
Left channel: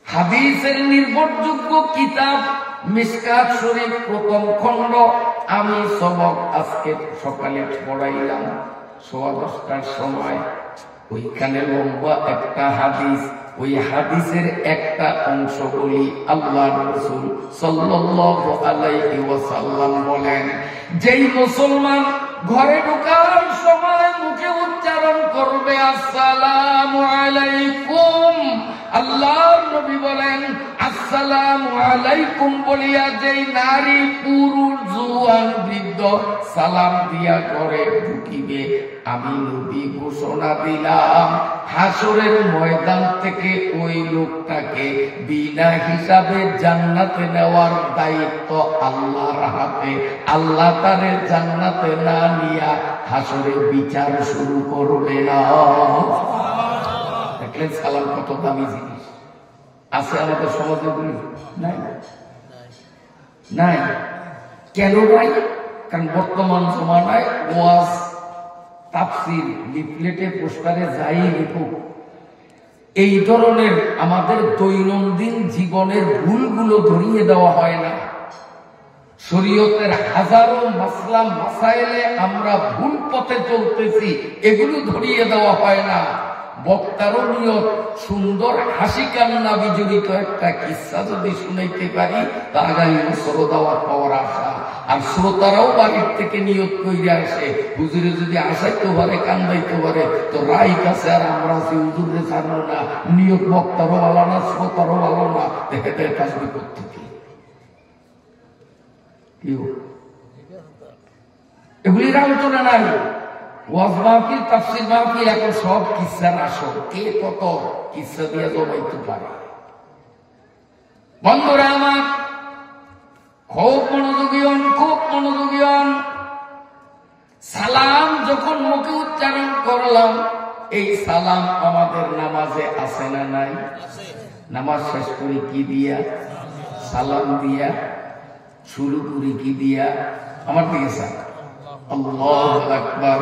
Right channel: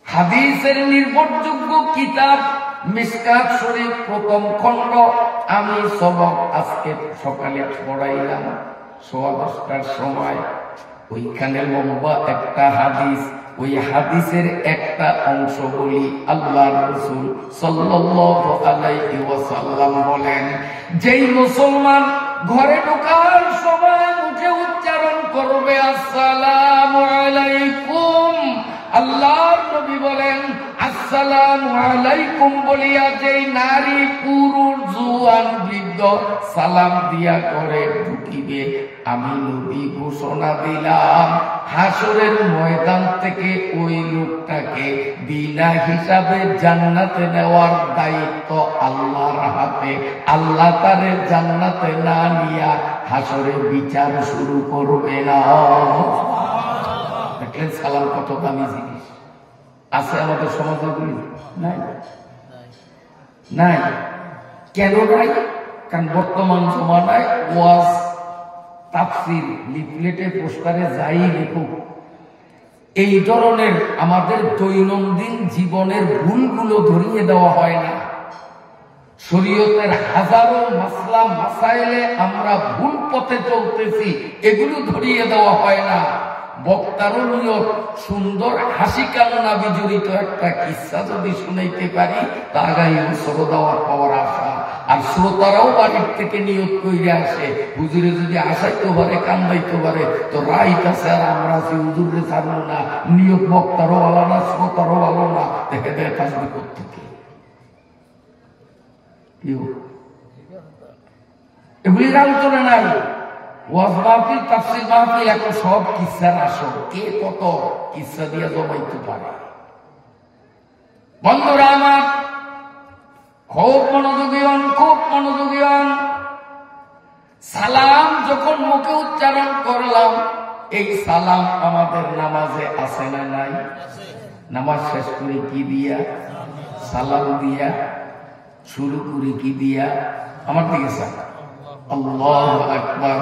হাদিসের নির্ভরযোগ্য কিতাব মিশকাত শরীফ প্রথম খণ্ড আমি সবক আজকে সকালে পড়াইলাম 10:15টার সময়। ওইখানে লম্বা একটা হাদিস, ওই হাদিসের একটা অংশ বলি। আল্লাহর রাসূল সাল্লাল্লাহু আলাইহি ওয়াসাল্লাম বলেন, যেই মুসলমান ঘরে ঢোকার সময় মুখে উচ্চারণ করবে আসসালামু আলাইকুম, আল্লাহর নবী বলেন আসসালামু আলাইকুম বলিয়া যেই নারী পুরুষ জুয়ান বৃদ্ধ সালাম দিয়া করে ঢুকিবে, আমি নবী ঘোষণা দিলাম হাসরের ময়দান থেকে ওই লোকটাকে বিনা হিসাবে জান্নাতে নেওয়ার দায়িত্ব আল্লাহর হাতে। আল্লাহ তারে জান্নাতে না নিয়া হাসরে বিচার শুরু করবে না। দেখলেন সালাম কত দামি জিনিস। আছে আমাদের সমাজে বলি নাই? নাই। কেন নাই? কারণ বর্তমান জমানায় ওয়াজ, তাফসীর, লিফলেটে, পোস্টারে যাই লিখুক, এই ধরনের আমাদের দৈনন্দিন জীবনের ভুলগুলো ধরিয়ে দেওয়া হয় না। শরীয়তের হাজারো মাসলা মাসাইলে আমরা ভুল পথে চলতেছি, এগুলো ধরিয়ে দেওয়া হয় না। বক্তারও নিয়ত সুন্দর হাসি কান্না বিজড়িত একটা কিস্সা যদি শুনাইতে পারি, তা আগামী বছর দাওয়াত পাওয়ার আশা। আর শ্রোতারাও বাড়ির থেকে নিয়ত করে আসে, হুজুরে যদি আসাইতে পারে, কান্দাইতে পারে, তো রাইট আছে। আর আমরা আছি হুজুরে ছাড়বো না, নিয়ত বক্তারও ভালো না, শ্রোতারও ভালো না, দেখে দেয় থাকবে করতে। এগুলির আলোচনা নাই। ওয়াজ মাহফিল, তাফসীর মাহফিল, এখন সব কিসসার আসর। কে কত কিসসা দিয়ে জমাইতে পারে। বন্ধুরা আমার, খুব মনোযোগী হন, খুব মনোযোগী হন। সালাম যখন মুখে উচ্চারণ করলাম, এই সালাম আমাদের নামাজে আছে না নাই? নামাজ শেষ করে কি দিয়া? সালাম দিয়া। শুরু করি কি দিয়া? আমার দিকে স্যার আল্লাহু আকবার।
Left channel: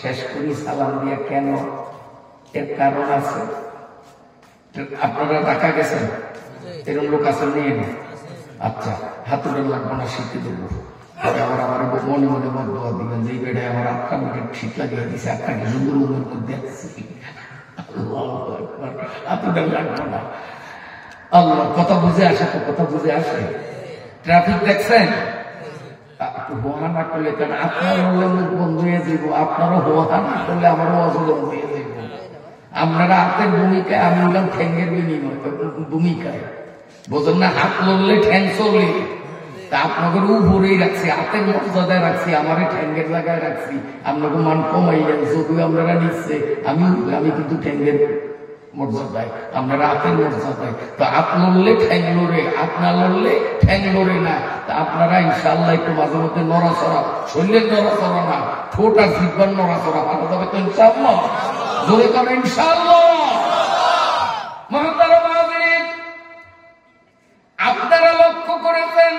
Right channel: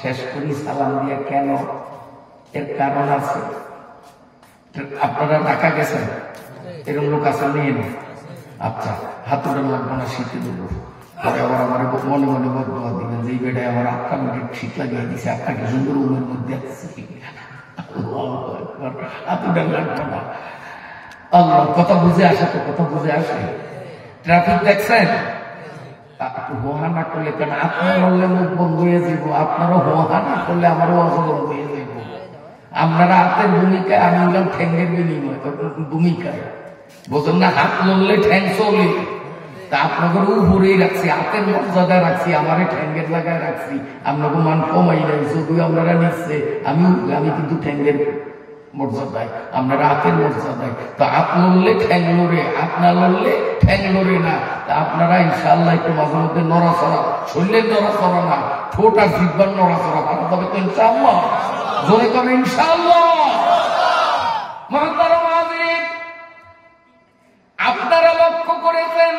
শেষ করি সালাম দিয়া। কেন? এর কারণ আছে। আপনারা ঢাকা গেছেন, এরকম লোক আছে নিয়ে না? আচ্ছা, হাতুটা লাগবো না, শিখে দেবো। পরে আবার আমার মনে মনে বদয়া দিবেন যে এই বেড়ায় আমার আটটা মিনিট ঠিক লাগিয়ে দিচ্ছে, একটা সুন্দর রুমের মধ্যে হাতুটা লাগবো না। আল্লাহ, কথা বুঝে আসে তো, কথা বুঝে আসে। ট্রাফিক দেখছেন, হোহা না করলে কেন? আপনার বললে মুখ বন্ধ হয়ে যাব, আপনারও হোহা না করলে আমারও অজ বন্ধ হয়ে যাব। আপনারা হাতের ভূমিকায়, আমি বললাম ঠ্যাঙ্গের বিনিময় ভূমিকায়, বোঝেন না? হাত লড়লে ঠ্যাং চলে, তা আপনাদের উপরেই রাখছি, হাতের মর্যাদায় রাখছি, আমারে ঠ্যাঙ্গের জায়গায় রাখছি। আপনাকে মান কমাই যাই, যদিও আপনারা নিচ্ছে, আমি কিন্তু ঠ্যাঙ্গের মর্যাদায়, আপনারা হাতের মর্যাদায়। তো হাত লড়লে ঠ্যাং লড়ে, হাত না লড়লে ঠ্যাং লড়ে না। তা আপনারা ইনশাআল্লাহ একটু মাঝে মধ্যে নড়াচড়া, শরীরের নড়াচড়া না, ঠোঁট আর জিহ্বার নড়াচড়া ভালো যাবে তো ইনশাআল্লাহ। জোরে করে ইনশাআল্লাহ। মহতারাম হাজিরিন, আপনারা লক্ষ্য করেছেন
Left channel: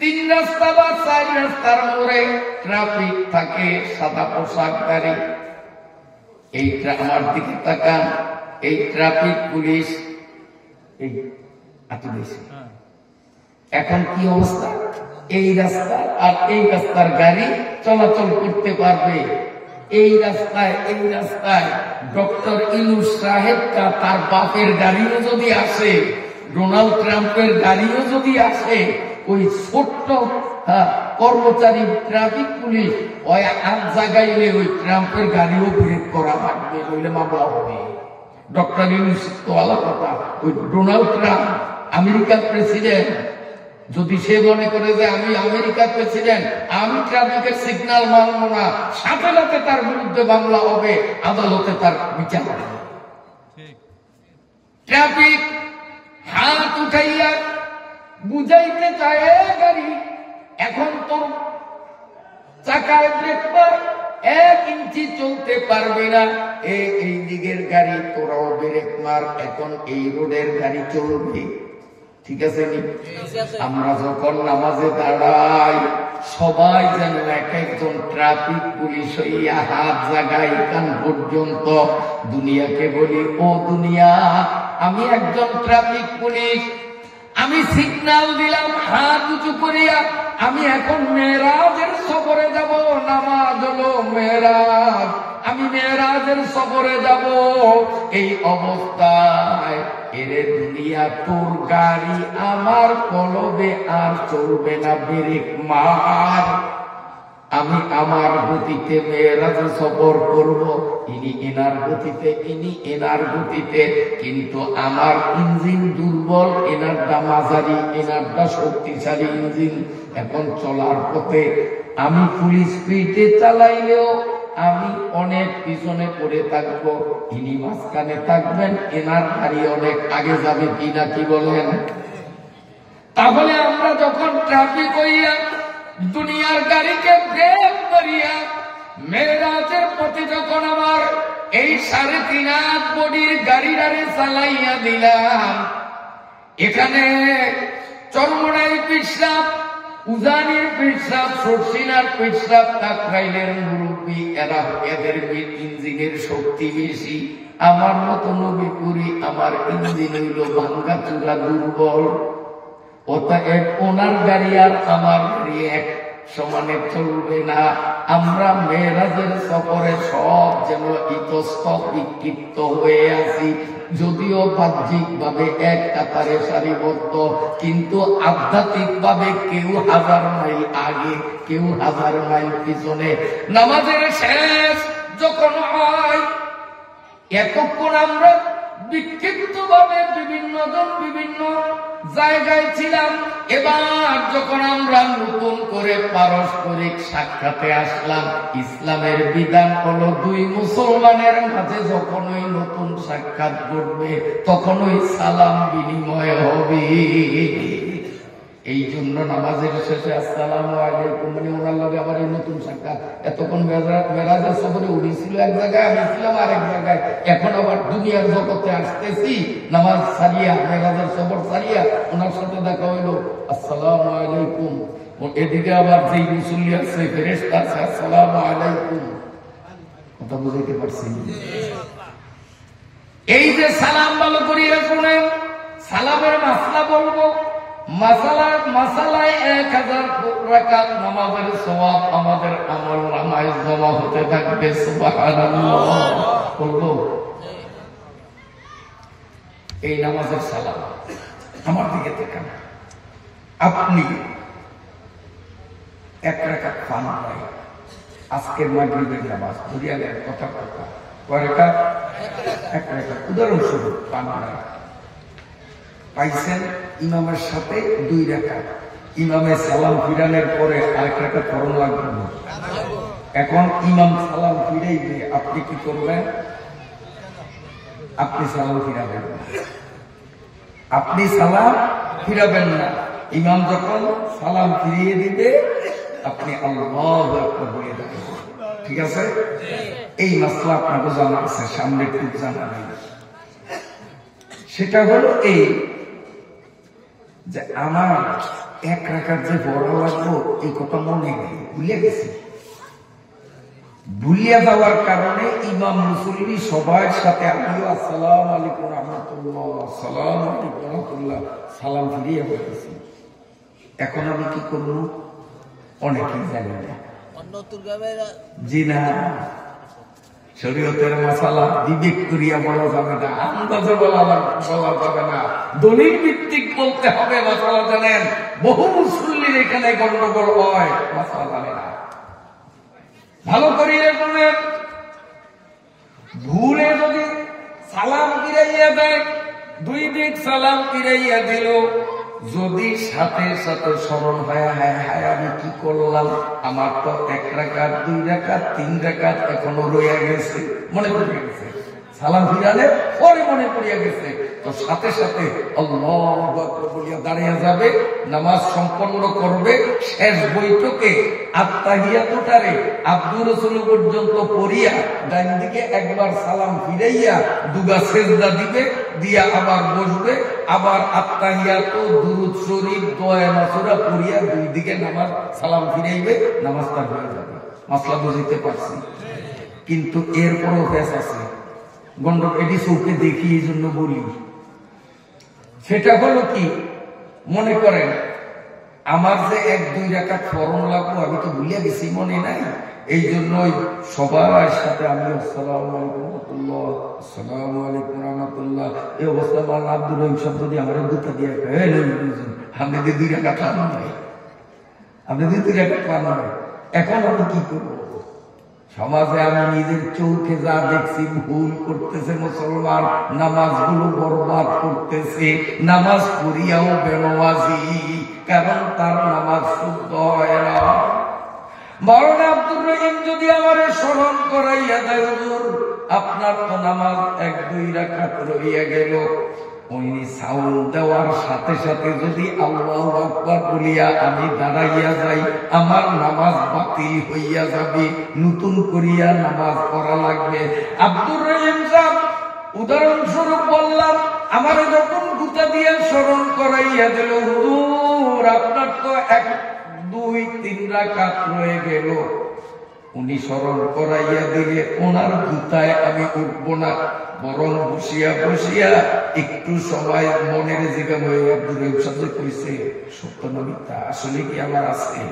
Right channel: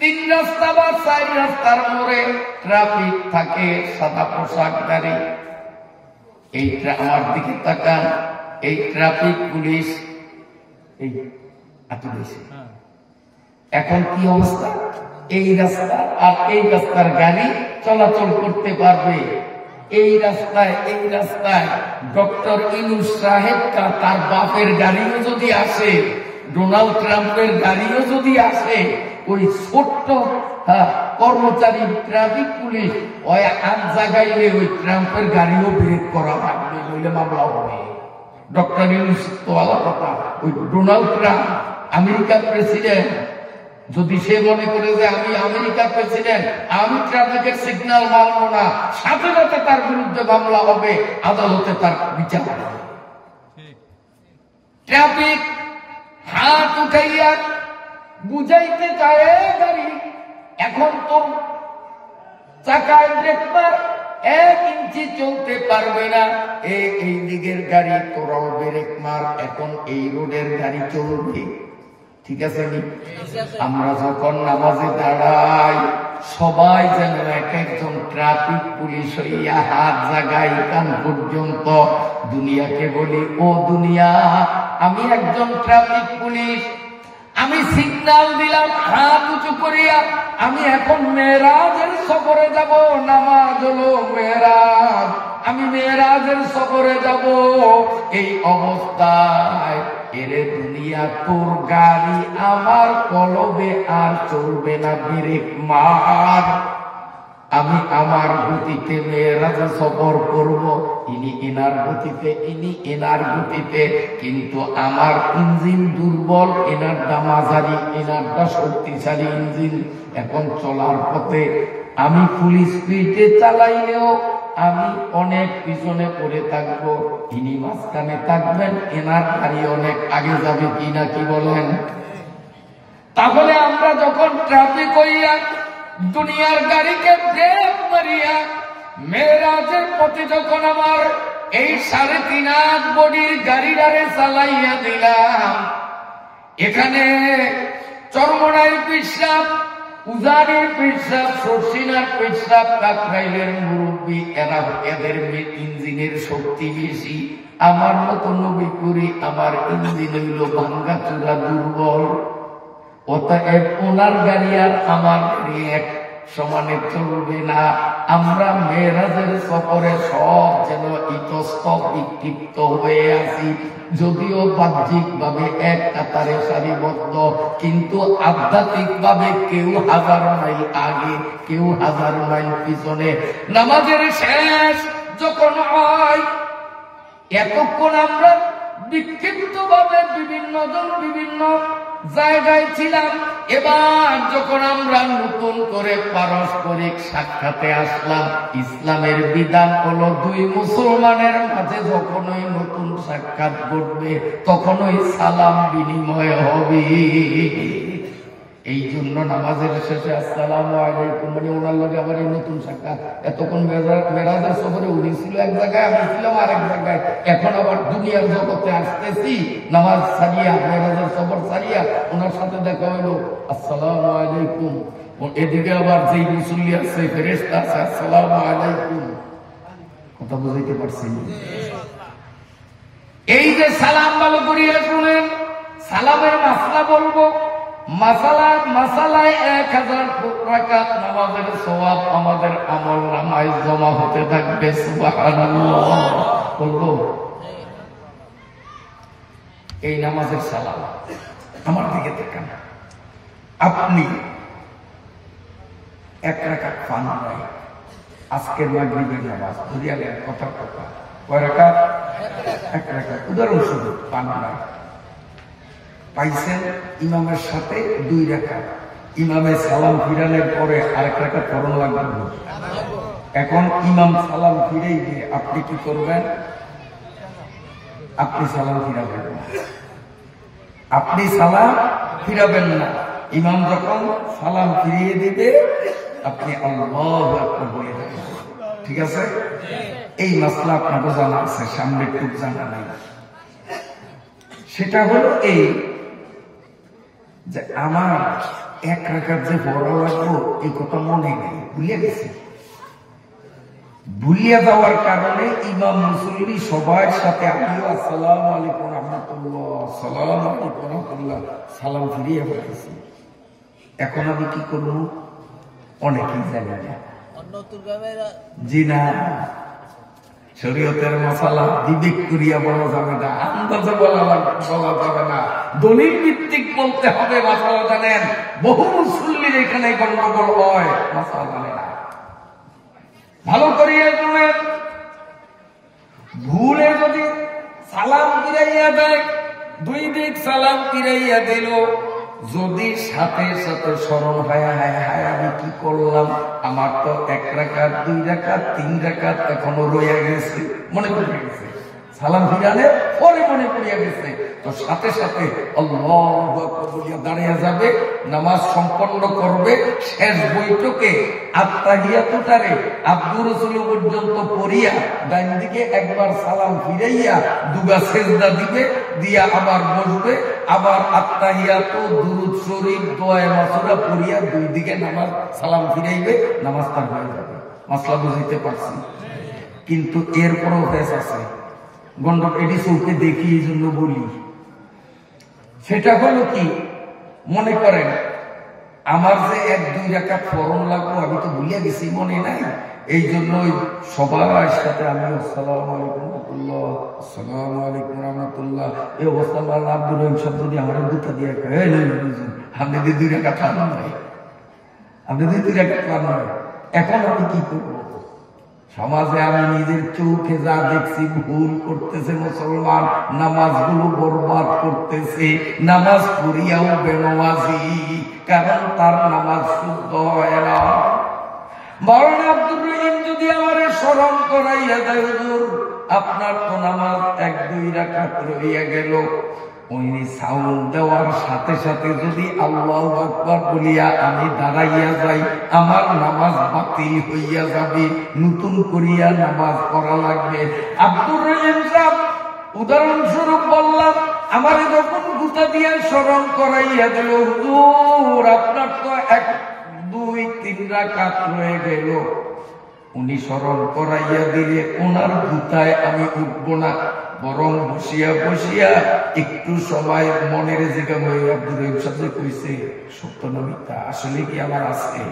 3 রাস্তা বা 4 রাস্তার মোড়ে ট্রাফিক থাকে, সাদা পোশাকধারী। এই আমার দিকে তাকান, এই ট্রাফিক পুলিশ এই এখন কি অবস্থা? এই রাস্তা আর এই রাস্তার গাড়ি চলাচল করতে পারবে। এই রাস্তায় ডক্টর ইউনূস সাহেব তার বাপের গাড়িও যদি আসে, ডোনাল্ড ট্রাম্পের গাড়িও যদি আসে, ওই ছোট্ট কর্মচারী ট্রাফিক পুলিশ ওই আট জায়গায় ওই ট্রাম্পের গাড়িও ব্রেক করা থাকবে, নইলে মামলা হবে। ডক্টর ইউনূস তো আলাদা কথা, ওই ডোনাল্ড ট্রাম্প আমেরিকার প্রেসিডেন্ট, যদি সে মনে করে যে আমি আমেরিকার প্রেসিডেন্ট, আমি ট্রাফিকের সিগন্যাল মানব না, সাথে সাথে তার বিরুদ্ধে মামলা হবে, আদালতে তার বিচার হবে। ট্রাফিক হাত উঠাইয়া বুঝাইতে চায় গাড়ি, এখন তোর চাকায় ব্রেক মার, 1 ইঞ্চি চলতে পারবে না, এই দিকের গাড়ি তোরাও ব্রেক মার, এখন এই রোডের গাড়ি চলবে। ঠিক আছে নি? আমরা যখন নামাজে দাঁড়াই, সবাই যেন এক একজন ট্রাফিক পুলিশ হইয়া হাত জাগাই কান পর্যন্ত দুনিয়াকে বলি, ও দুনিয়া, আমি একজন ট্রাফিক পুলিশ, আমি সিগন্যাল দিলাম হাত উঁচু করিয়া, আমি এখন মেরাজের সফরে যাব। নামাজ হলো মেরাজ, আমি মেরাজের সফরে যাব। এই অবস্থায় এরে দুনিয়া, তোর গাড়ি আমার কলবে আর চলবে না, ব্রেক মার। আমি আমার গতিতে মেরাজে সফর করব, ইনি এনার গতিতে, ইনি এনার গতিতে, কিন্তু আমার ইঞ্জিন দুর্বল, এনারটা মাঝারি, এনারটা শক্তিশালী ইঞ্জিন। এখন চলার পথে আমি ফুল স্পিডে চালাইলেও আমি অনেক পিছনে পড়ে থাকবো, ইনি মাঝখানে থাকবেন, এনার গাড়ি অনেক আগে যাবে কিনা, কি বলেন? তাহলে আমরা যখন ট্রাফিক হইয়া দুনিয়ার গাড়িকে ব্রেক মারিয়া মেরাজের পথে যখন আমার এই 3.5 বডির গাড়িটারে চালাইয়া দিলাম, এখানে চরমোনাইর পিসাব, উজানের পিসাব, সরসিনার পিসাব, কাকরাইলের মুরব্বী, এদের ইঞ্জিনের শক্তি বেশি। আমার মতো নবী করি, আমার ইঞ্জিন হইল ভাঙ্গা চূড়া, দুর্বল। অতএব ওনার গাড়ি আর আমার গাড়ি এক সমানে চলবে না। আমরা মেরাজের সফরে সব যেন ইতস্তত বিক্ষিপ্ত হয়ে আছি, যদিও বাহ্যিক ভাবে এক কাতারে সারিবদ্ধ, কিন্তু আধ্যাত্মিক ভাবে কেউ 1000 মাইল আগে, কেউ 1000 মাইল পিছনে। নামাজের শেষ যখন হয়, এতক্ষণ আমরা বিক্ষিপ্ত ভাবে বিভিন্ন জন বিভিন্ন জায়গায় ছিলাম। এবার যখন আমরা নতুন করে পারস্পরিক সাক্ষাতে আসলাম, ইসলামের বিধান হলো 2 মুসলমানের মাঝে যখনই নতুন সাক্ষাৎ ঘটবে, তখনই সালাম বিনিময় হবে। এই জন্য নামাজের শেষে আসসালামু আলাইকুম, মানে ওনার লগে আমার এই নতুন সাক্ষাৎ। এতক্ষণ মেরাজের সফরে উড়েছিল এক জায়গায়, আমি ছিলাম আরেক জায়গায়, এখন আবার দুনিয়ার জগতে আসতেছি, নামাজ সারিয়া মেরাজের সফর সারিয়া ওনার সাথে দেখা হইলো, আসসালামু আলাইকুম। এদিকে আবার যেই মুসল্লি আছে, ফেরেশতা আছে, আসসালামু আলাইকুম। কথা বুঝাইতে পারছি? এই যে সালাম ভালো করিয়া শুনেন, সালামের মাসলা বলবো। মাসালায় 1000 রাকাত নামাজের সওয়াব আমাদের আমল নামায় জমা হতে থাকবে। সুবহানাল্লাহ বলবো। এই নামাজের সালাম আমার দিকে দেখেন, আপনি 1 রাকাত পান নাই, আজকের মাগরিবের নামাজ বুঝিয়া গেলেন, কথা কয় রাকাত? 1 রাকাত। উদাহরণস্বরূপ পান নাই, পাইছেন ইমামের সাথে 2 রাকাত, ইমামে সালাম ফিরানোর পরে 1 রাকাত পড়ন লাগবে। এখন ইমাম সালাম ফিরেই গিয়ে আপনি কি করবেন? আপনি সালাম ফিরাবেন না, আপনি সালাম ফিরাবেন না। ইমাম যখন সালাম ফিরিয়ে দিবে আপনি আল্লাহু আকবার বলে দেবেন। ঠিক আছে? এই মাসলা আপনাকে জানা আছে, সামনে খুব জানা নেই। সেটা হলো এই যে আমার 1 রাকাত যে বড় লাগবো এই কথা মনে নেই, ভুলে গেছি। ভুলিয়া যাওয়ার কারণে ইমাম মুসল্লি সবার সাথে আমিও আসসালামু আলাইকুম রাহমাতুল্লাহ, আসসালামু আলাইকুম রাহমাতুল্লাহ সালাম ফিরিয়ে বলতেছি। এখন আমি কি করবো? অনেকেই জানি না। জি না, শরীয়তের মাসালা বিবেক করিয়া বলা যাবে না, আন্দাজে বলা যাবে না, দলিল ভিত্তিক বলতে হবে। মাসালা জানেন, বহু মুসল্লির এখানে গন্ডগোল হয়, মাসালা জানে না। ভালো করিয়া শুনেন, ভুলে যদি সালাম ফিরাইয়া দেয়, 2 দিক সালাম ফিরাইয়া দিল, যদি সাথে সাথে স্মরণ হয় হায় হায় আমি কি করলাম, আমার তো 1 রাকাত 2 রাকাত 3 রাকাত এখনো রয়ে গেছে, মনে পড়ে গেছে, সালাম ফিরালে পরে মনে পড়িয়া গেছে, তো সাথে সাথে আল্লাহু আকবার বলিয়া দাঁড়িয়ে যাবে, নামাজ সম্পন্ন করবে। শেষ বৈঠকে আত্তাহিয়াতুটারে আব্দুর রাসূল পর্যন্ত পড়িয়া ডান দিকে একবার সালাম ফিরাইয়া 2 সেজদা দিবে, দিয়া আবার বসবে, আবার আত্তাহিয়াতু দুরূদ শরীফ দোয়া মাসুরা পড়িয়া 2 দিকে নামাজ সালাম ফিরাইবে, নামাজ তার হয়ে যাবে। মাসলা বুঝাইতে পারছি? কিন্তু এরপরও ফেস আছে, গন্ডক এটি চৌকে দেখি, এই জন্য বলি। সেটা হলো কি, মনে করেন আমার যে 1-2 রাকাত ফরন লাগবো আমি তো ভুলিয়া গেছি, মনে নাই, এই জন্য সবার সাথে আমি আসসালামু আলাইকুম রাহমাতুল্লাহ, আসসালামু আলাইকুম রাহমাতুল্লাহ, এই অবস্থা আমার আব্দুর রহিম সাহেব যদি আমার গুতা দিয়ে আপনি 2 রাকাত পান নয়, আপনি 2 রাকাত পান নয়। এখন আমি কি করবো? সমাজে আমি নিজের চোখে যা দেখছি, ভুল করতেছে মুসলমান, নামাজগুলো বরবাদ করতেছে, নামাজ পড়িয়াও বেনমাজি, কারণ তার নামাজ শুদ্ধ হয় না। মাওলানা আব্দুর রহিম যদি আমারে স্মরণ করাইয়া দেয়, হুজুর আপনার তো নামাজ 1-2 রাকাত রইয়া গেল, উনি সাউন্ড দেওয়ার সাথে সাথে যদি আল্লাহু আকবার বলিয়া আমি দাঁড়াইয়া যাই, আমার নামাজ বাতিল হইয়া যাবে, নতুন করিয়া নামাজ পড়া লাগবে। আব্দুর রহিম সাহেব উদাহরণস্বরূপ বললাম, আমারে যখন গুতা দিয়ে স্মরণ করাইয়া দিল, হুজুর আপনার তো 1-2-3 রাকাত রয়ে গেল, উনি স্মরণ করাইয়া দিলে ওনার গুতায় আমি উঠব না, বরং বসিয়া বসিয়া একটু সময় মনের যেটা আব্দুর রহিম সাহেব কইছে সত্য না মিথ্যা, আসলে কি আমার আজকে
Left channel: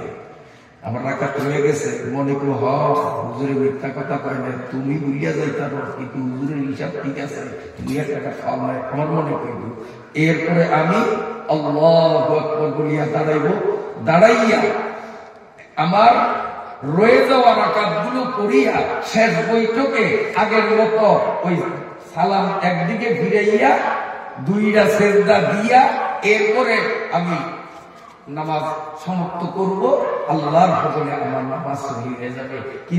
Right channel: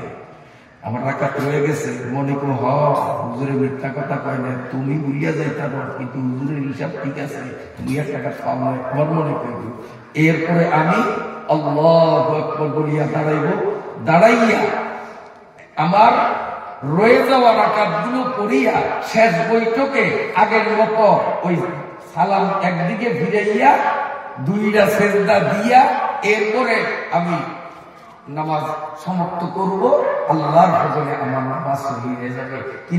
আমার রাকাত রয়ে গেছে, মনে করো হুজুরে মিথ্যা কথা কয় না, তুমি বুঝিয়া যাইতা কিন্তু হুজুরের হিসাব ঠিক আছে, 2 টাকা পাও নয়, আমার মনে করব। এরপরে আমি আল্লাহু আকবার বলিয়া দাঁড়াইব, দাঁড়াইয়া আমার রয়ে যাওয়া রাকাতগুলো পড়িয়া শেষ বৈঠকে আগের মতো ওই সালাম একদিকে ফিরাইয়া 2টা সেজদা দিয়া এরপরে আমি নামাজ সমাপ্ত করব, আল্লাহর ফজলে আমার নামাজ সহি হয়ে যাবে। কিন্তু